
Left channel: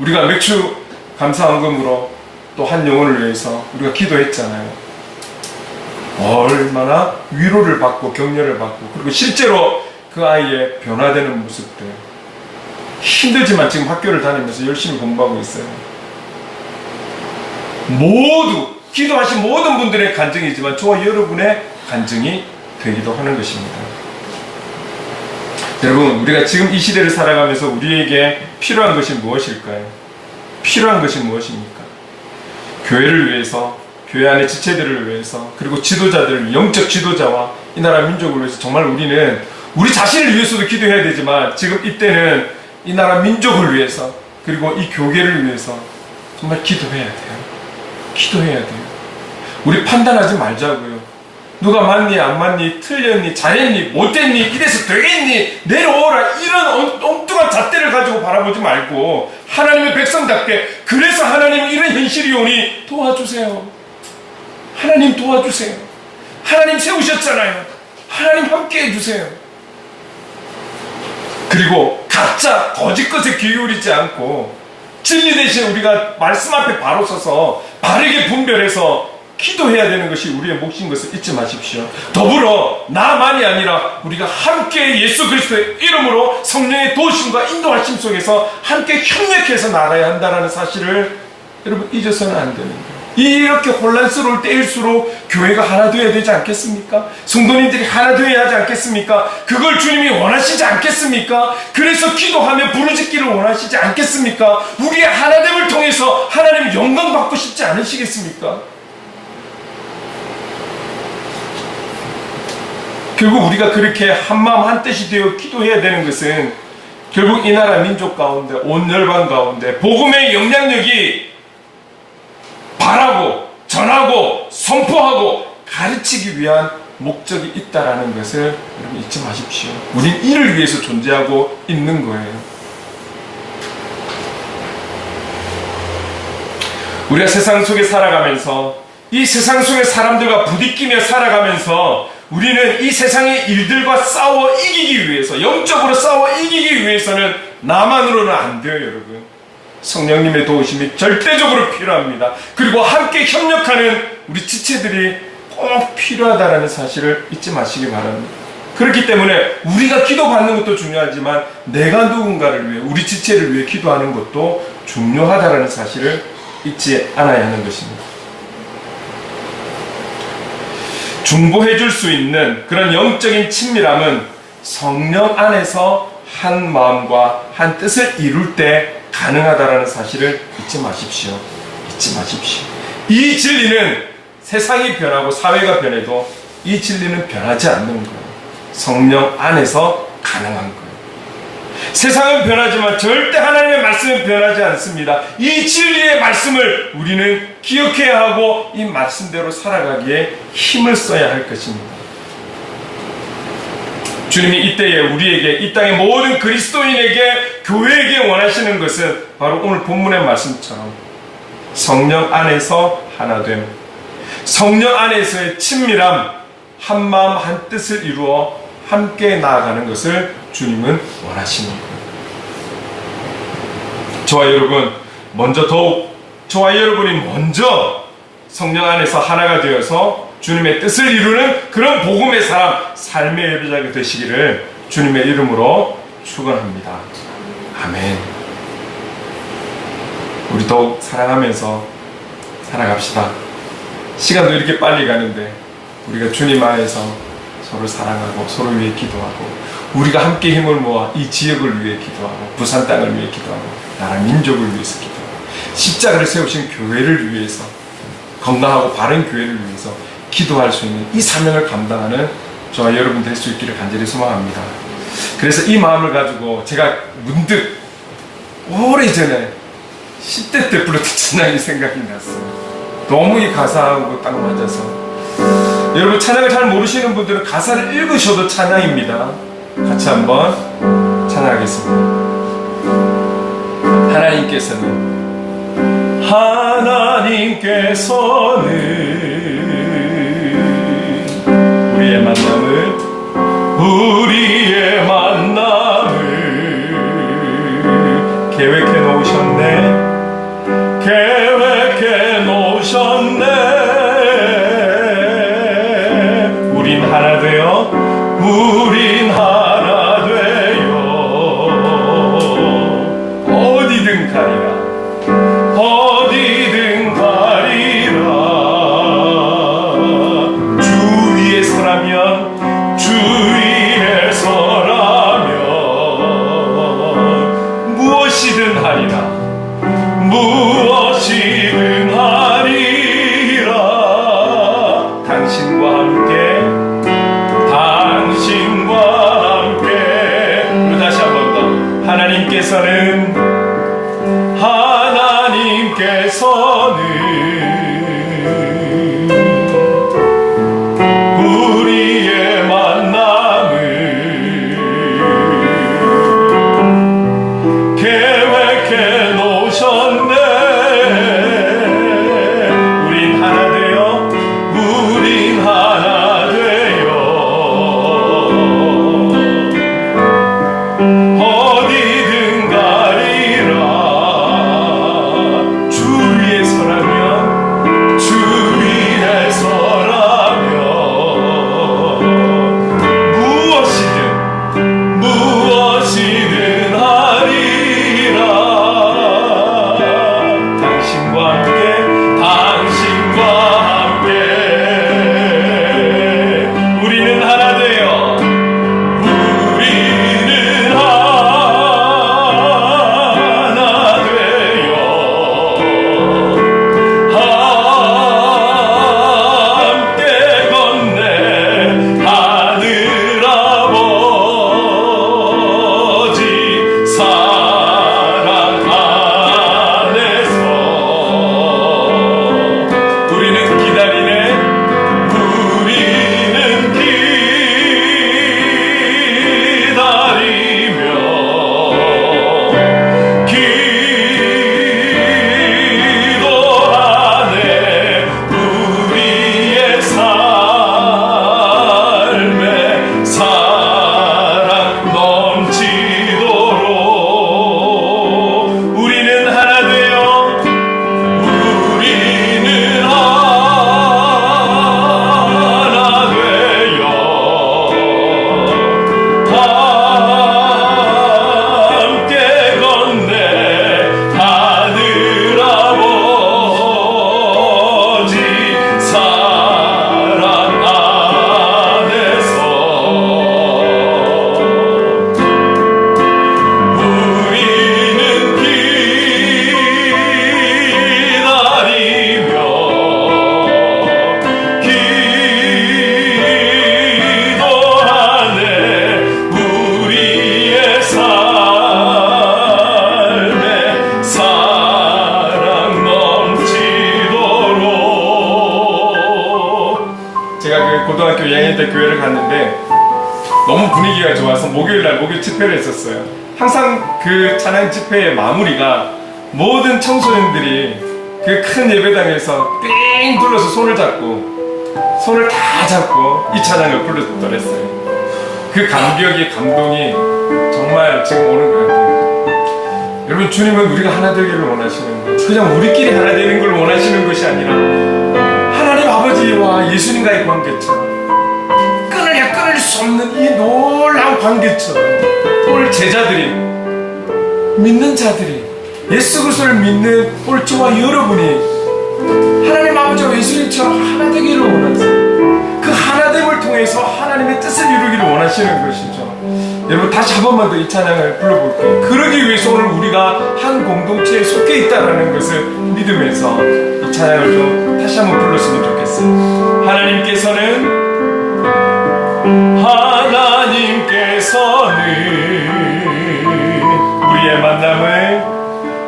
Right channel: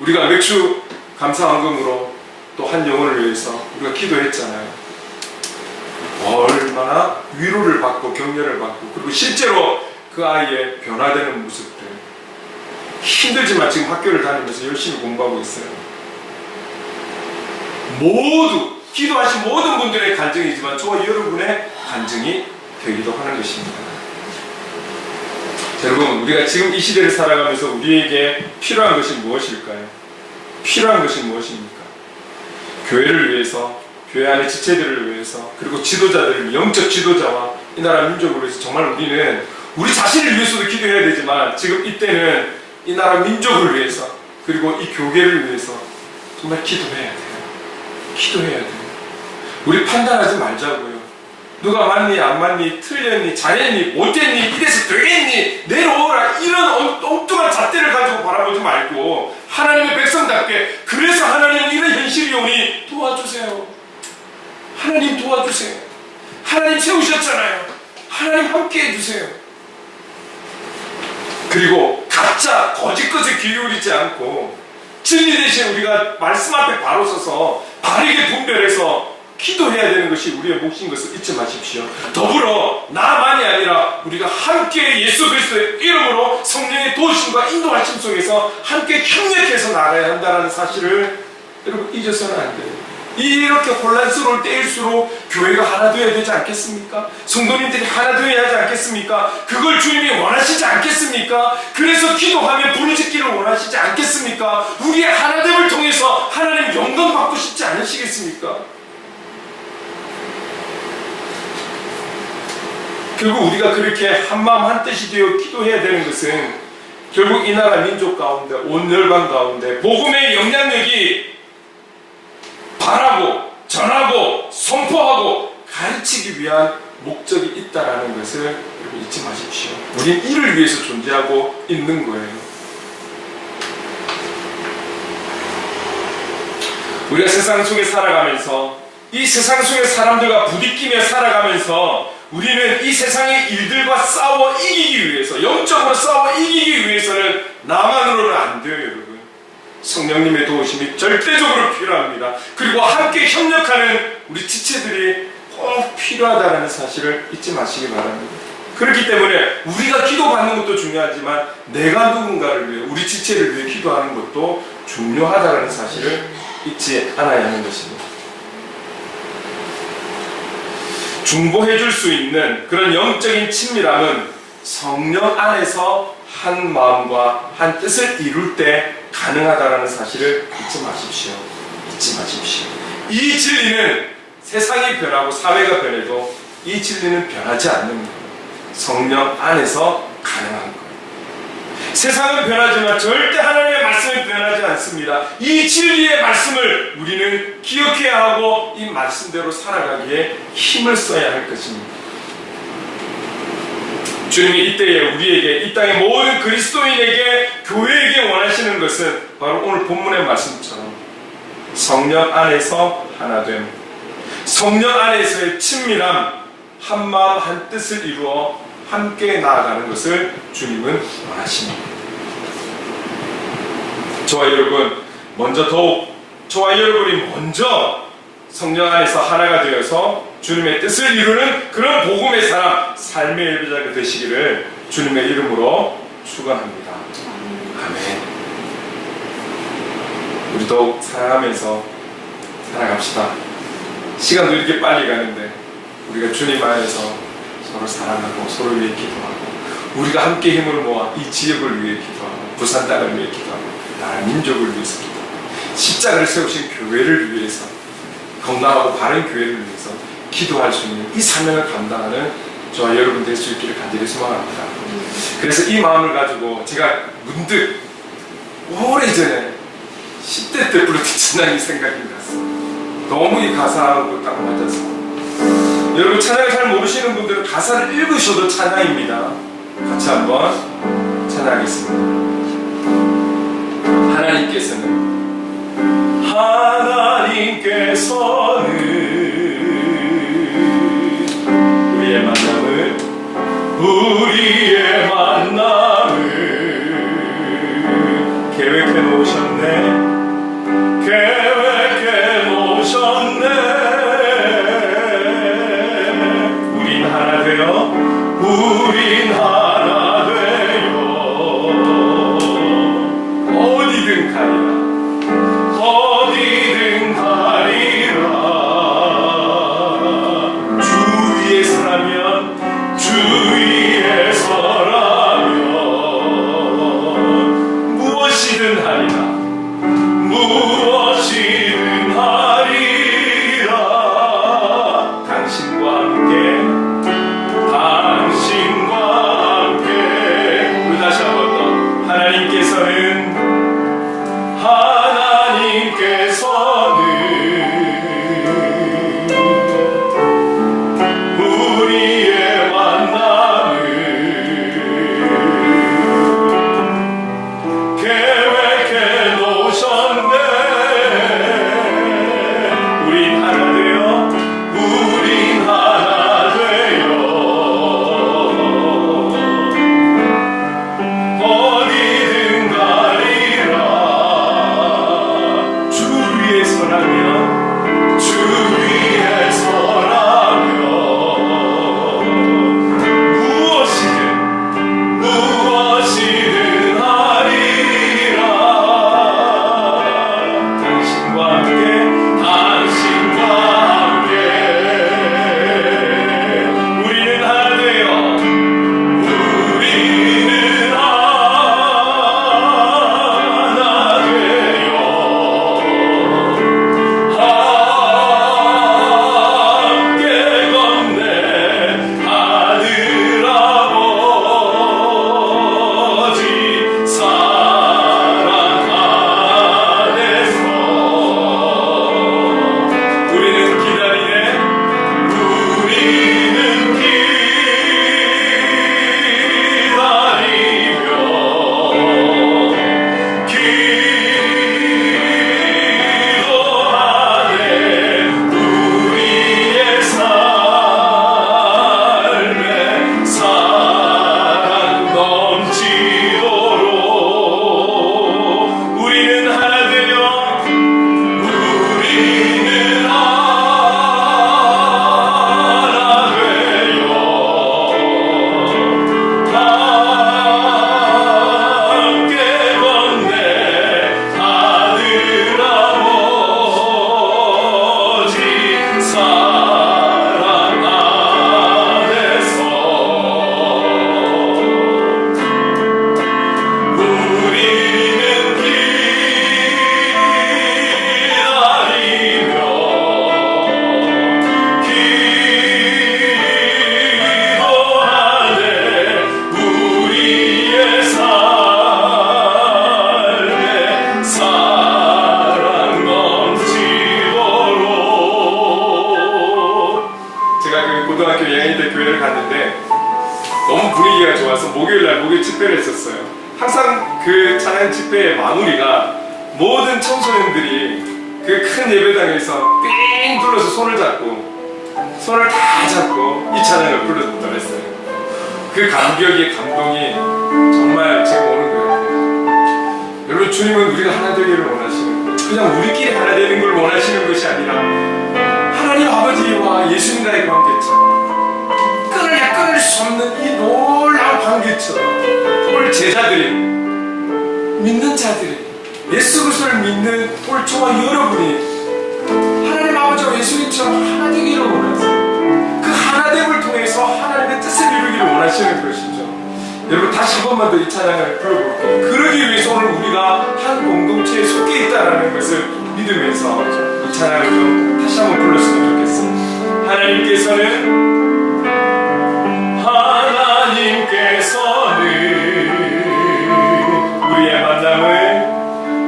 우리가 맥주 감사헌금으로 또 한 영혼을 위해서 우리가 기도했잖아요. 얼마나 위로를 받고 격려를 받고 그리고 실제로 그 아이의 변화되는 모습들, 힘들지만 지금 학교를 다니면서 열심히 공부하고 있어요. 모두 기도하신 모든 분들의 간증이지만 저와 여러분의 간증이 되기도 하는 것입니다. 여러분, 우리가 지금 이 시대를 살아가면서 우리에게 필요한 것이 무엇일까요? 필요한 것이 무엇입니까? 교회를 위해서, 교회 안의 지체들을 위해서, 그리고 지도자들, 영적 지도자와 이 나라 민족을 위해서 정말 우리는 우리 자신을 위해서도 기도해야 되지만 지금 이때는 이 나라 민족을 위해서 그리고 이 교계를 위해서 정말 기도해야 돼요. 기도해야 돼요. 우리 판단하지 말자고요. 누가 맞니 안 맞니 틀렸니 잘했니 못했니 이래서 되겠니 내려오라 이런 엉뚱한 잣대를 가지고 바라보지 말고 하나님의 백성답게 그래서 하나님은 이런 현실이 오니 도와주세요. 하나님 도와주세요. 하나님 세우셨잖아요. 하나님 함께 해주세요. 그리고 각자 거짓 것에 귀 기울이지 않고 진리 대신 우리가 말씀 앞에 바로 서서 바르게 분별해서 기도해야 되는 것이 우리의 몫인 것을 잊지 마십시오. 더불어 나만이 아니라 우리가 함께 예수 그리스도의 이름으로 성령의 도우심과 인도하심 속에서 함께 협력해서 나아가야 한다는 사실을 여러분 잊어서는 안 됩니다. 이렇게 혼란스러울 때일수록 교회가 하나 되어야 되지 않겠습니까? 성도님들이 하나 되어야 하지 않겠습니까? 그걸 주님이 원하시지 않겠습니까? 그래서 기도하며 부르짖기를 원하시지 않겠습니까? 우리의 하나됨을 통해서 하나님 영광 받고 싶지 않으시겠습니까? 결국 우리가 그렇게 한마음 한뜻이 되어 기도해야 되는 것은 결국 이 나라 민족 가운데 온 열방 가운데 복음의 영향력이 바라고 전하고 선포하고 가르치기 위한 목적이 있다라는 것을 여러분 잊지 마십시오. 우린 이를 위해서 존재하고 있는 거예요. 우리가 세상 속에 살아가면서 이 세상 속의 사람들과 부딪히며 살아가면서 우리는 이 세상의 일들과 싸워 이기기 위해서 영적으로 싸워 이기기 위해서는 나만으로는 안 돼요. 여러분 성령님의 도우심이 절대적으로 필요합니다. 그리고 함께 협력하는 우리 지체들이 꼭 필요하다는 사실을 잊지 마시기 바랍니다. 그렇기 때문에 우리가 기도받는 것도 중요하지만 내가 누군가를 위해 우리 지체를 위해 기도하는 것도 중요하다는 사실을 잊지 않아야 하는 것입니다. 중보해 줄 수 있는 그런 영적인 친밀함은 성령 안에서 한 마음과 한 뜻을 이룰 때 가능하다는 사실을 잊지 마십시오. 잊지 마십시오. 이 진리는 세상이 변하고 사회가 변해도 이 진리는 변하지 않는 거예요. 성령 안에서 가능한 거예요. 세상은 변하지만 절대 하나님의 말씀은 변하지 않습니다. 이 진리의 말씀을 우리는 기억해야 하고 이 말씀대로 살아가기에 힘을 써야 할 것입니다. 주님이 이때에 우리에게 이 땅의 모든 그리스도인에게 교회에게 원하시는 것은 바로 오늘 본문의 말씀처럼 성령 안에서 하나됨, 성령 안에서의 친밀함, 한마음 한뜻을 이루어 함께 나아가는 것을 주님은 원하십니다. 저와 여러분이 먼저 성령 안에서 하나가 되어서 주님의 뜻을 이루는 그런 복음의 사람, 삶의 예배자가 되시기를 주님의 이름으로 축원합니다. 아멘. 우리 더욱 사랑하면서 살아갑시다. 시간도 이렇게 빨리 가는데 우리가 주님 안에서 서로 사랑하고 서로 위해 기도하고 우리가 함께 힘을 모아 이 지역을 위해 기도하고 부산 땅을 위해 기도하고 나라 민족을 위해서 기도하고 십자가를 세우신 교회를 위해서 건강하고 바른 교회를 위해서 기도할 수 있는 이 사명을 감당하는 저와 여러분 될 수 있기를 간절히 소망합니다. 그래서 이 마음을 가지고 제가 문득 오래전에 10대 때 불렀던 찬양이 생각이 났습니다. 너무 이 가사하고 딱 맞아서 여러분 찬양을 잘 모르시는 분들은 가사를 읽으셔도 찬양입니다. 같이 한번 찬양하겠습니다. 하나님께서는 우리의 만남을 계획해 놓으셨네. 우린 하나 되어 어디든 가리라 우리의 만남을 계획해 놓으셨네. 우린 하나 되어 우린 하나 되어 어디든 가리라. 주 위에 서라면 주 위에 서라면 무엇이든 하리라. 당신과 함께 우리는 하나 되어 함께 걷네 하늘 아버지 사랑 안에서. 우리는 기다리네. 우리는 기다리며 기도하네. 우리의 삶에 사랑 넘치도록 우리는 하나 되어 우리는 하나 되어 함께 걷네 하늘 아버지 사랑 안에서. 우리는 기다리며 기도하네. 우리의 삶에 사랑 넘치도록. 제가 그 고등학교 2학년 때 교회를 갔는데 너무 분위기가 좋아서 목요일날 목요 집회를 했었어요. 항상 그 찬양 집회의 마무리가 모든 청소년들이 그 큰 예배당에서 삥 둘러서 손을 잡고 이 찬양을 부르더랬어요. 그 감격이 감동이 정말 지금 오는 거예요. 여러분, 주님은 우리가 하나 되기를 원하시는 거예요. 그냥 우리끼리 하나 되는 걸 원하시는 것이 아니라 하나님 아버지와 예수님과의 관계처럼 끊을 수 없는 이 놀라운 관계처럼 오늘 제자들이, 믿는 자들이, 예수 그리스도를 믿는 오늘 저와 여러분이 하나님 아버지와 예수님처럼 하나 되기를 원하세요. 그 하나됨을 통해서 하나님의 뜻을 이루기를 원하시는 것이죠. 여러분, 다시 한 번만 더 이 찬양을 불러볼게요. 그러기 위해서 오늘 우리가 한 공동체에 속해 있다는 것을 믿으면서 이 찬양을 좀 다시 한번 불렀으면 좋겠어요. 하나님께서는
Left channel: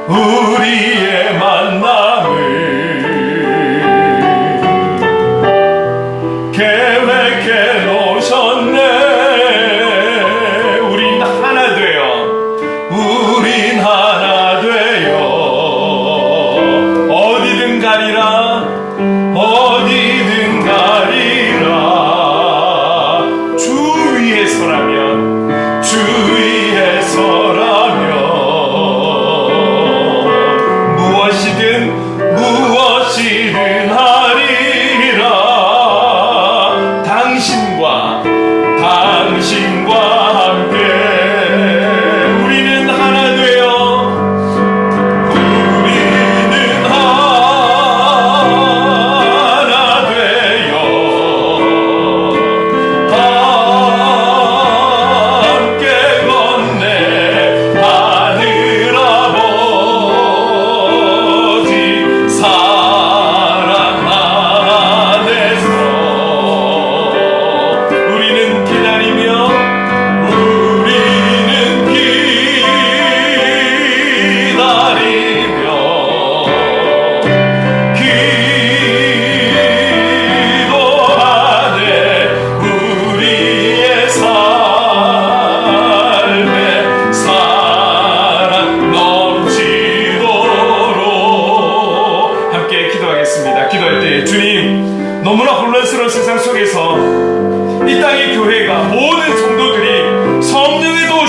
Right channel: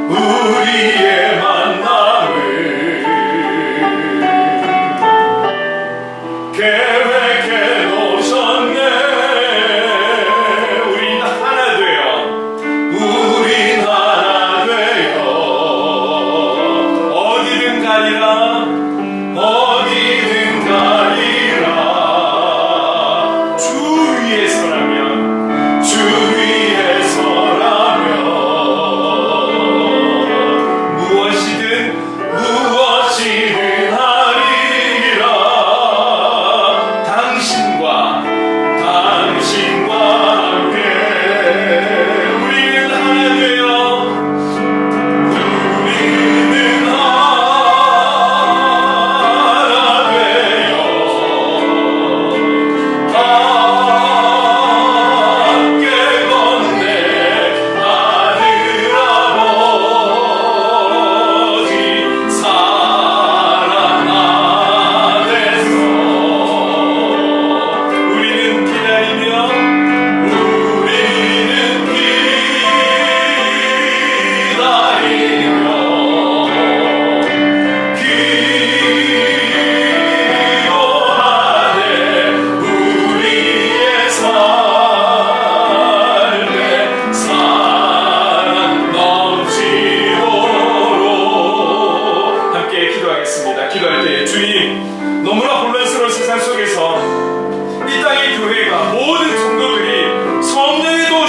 우리의 만남을 계획해 놓으셨네. 우린 하나 되어 어디든 가리라. 주 위에 서라면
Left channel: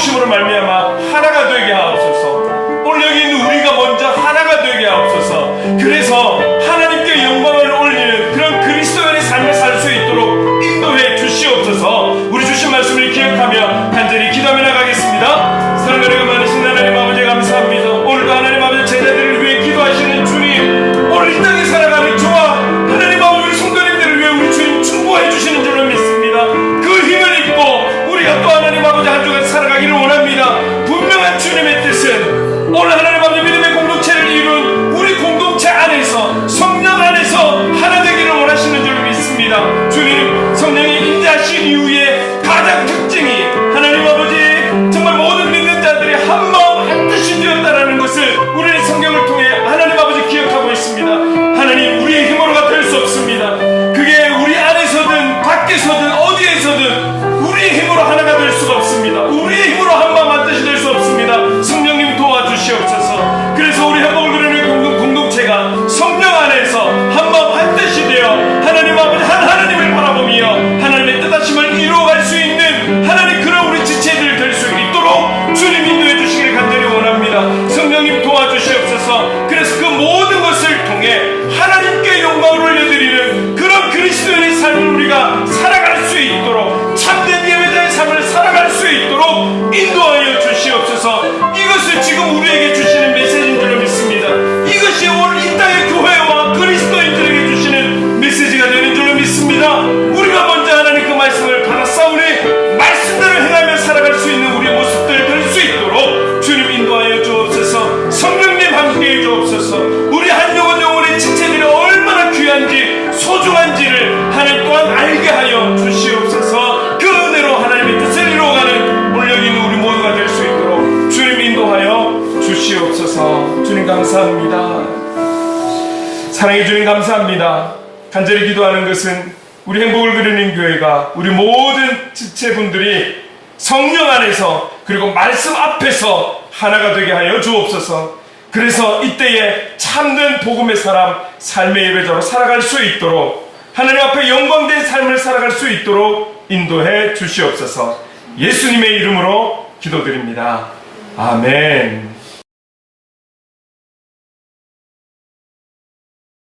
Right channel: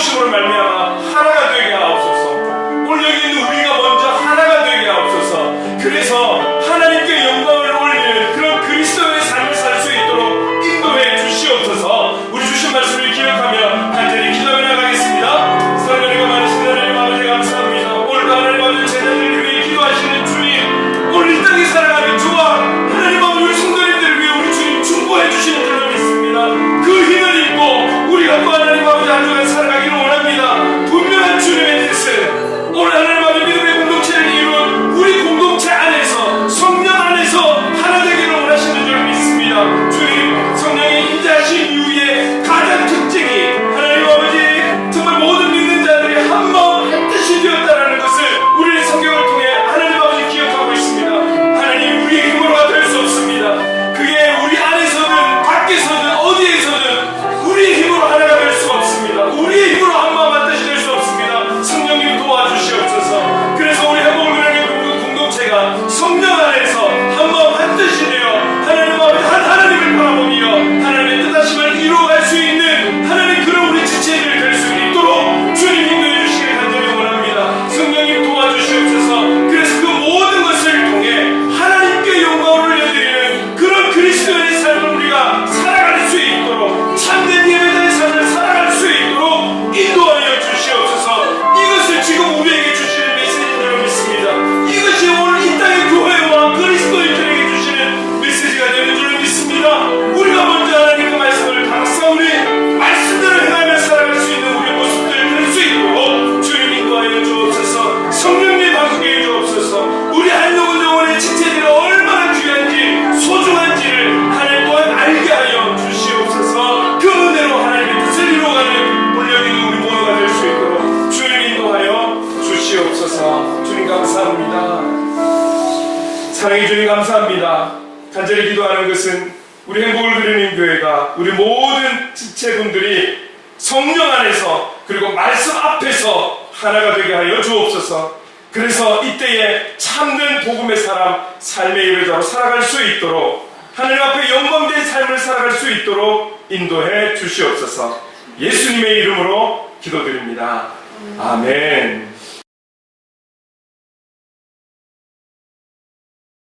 부으심으로 말미암아 하나가 되게 하옵소서. 오늘 여기 있는 우리가 먼저 하나가 되게 하옵소서. 그래서 하나님께 영광을 올리는 그런 그리스도인의 삶을 살 수 있도록 인도해 주시옵소서. 우리 주신 말씀을 기억하며 간절히 기도하며 나가겠습니다. 사랑하는 많으신 하나님 아버지 감사합니다. 오늘도 하나님 아버지 제자들을 위해 기도하시는 주님, 오늘 이 땅에 살아가는 저와 하나님 아버지 우리 성도님들을 위해 우리 주님 충고해 주시는 줄로 믿습니다. 그 힘을 입고 우리가 또 하나님 아버지 한 주간 살아가기를 원합니다. 분명한 주님의 뜻은 오늘 하나님 아버지 믿음의 공동체를 이룬 우리 공동체 안에서 성령 안에서 하나 되기를 원하시는 줄로 믿습니다. 주님, 성령이 임재하신 이후에 가장 특징이 하나님 아버지 정말 모든 믿는 자들이 한 마음 한 뜻이 되었다라는 것을 우리의 성경을 통해 하나님 아버지 기억하고 있습니다. 하나님, 우리의 힘으로가 될 수 없습니다. 그게 우리 안에서든 밖에서든 어디에서든 우리의 힘으로 하나가 될 수가 없습니다. 우리의 힘으로 한 마음 한 뜻이 될 수 없습니다. 성령님 도와주시옵소서. 그래서 우리 행복을 누리는 공동체가 성령 안에서 한 마음 한 뜻이 되어 하나님 아버지 한 하나님을 바라보며 하나님의 뜻하심을 이루어갈 수 있는 하나님 그런 우리 지체들이 될 수 있도록 주님 인도해 주시길 간절히 원합니다. 성령님 도와주시옵소서. 그래서 그 모든 것을 통해 하나님께 영광을 올려드리는 그런 그리스도인의 삶을 우리가 살아갈 수 있도록 참된 예배자의 삶을 살아갈 수 있도록 인도하여 주시옵소서. 이것을 지금 우리에게 주시는 메시지인 줄 믿습니다. 이것이 오늘 이 땅의 교회와 그리스도인들에게 주시는 메시지가 되는 줄 믿습니다. 우리가 먼저 하나님 그 말씀을 받아싸우니 말씀대로 행하며 살아갈 수 있는 우리의 모습들 될 수 있도록 주님 인도하여 주옵소서. 성령님 함께해 주옵소서. 우리 한 영혼 영혼의 지체들이 얼마나 귀한지 소중한지를 하나님 또한 알게 하여 주시옵소서. 그 은혜로 하나님의 뜻을 이루어가는 물량 있는 우리 모두가 될 수 있도록 주님 인도하여 주시옵소서. 주님 감사합니다. 사랑해 주님 감사합니다. 간절히 기도하는 것은 우리 행복을 누리는 교회가 우리 모든 지체분들이 성령 안에서 그리고 말씀 앞에서 하나가 되게 하여 주옵소서. 그래서 이때에 참된 복음의 사람, 삶의 예배자로 살아갈 수 있도록 하나님 앞에 영광된 삶을 살아갈 수 있도록 인도해 주시옵소서. 예수님의 이름으로 기도드립니다. 아멘.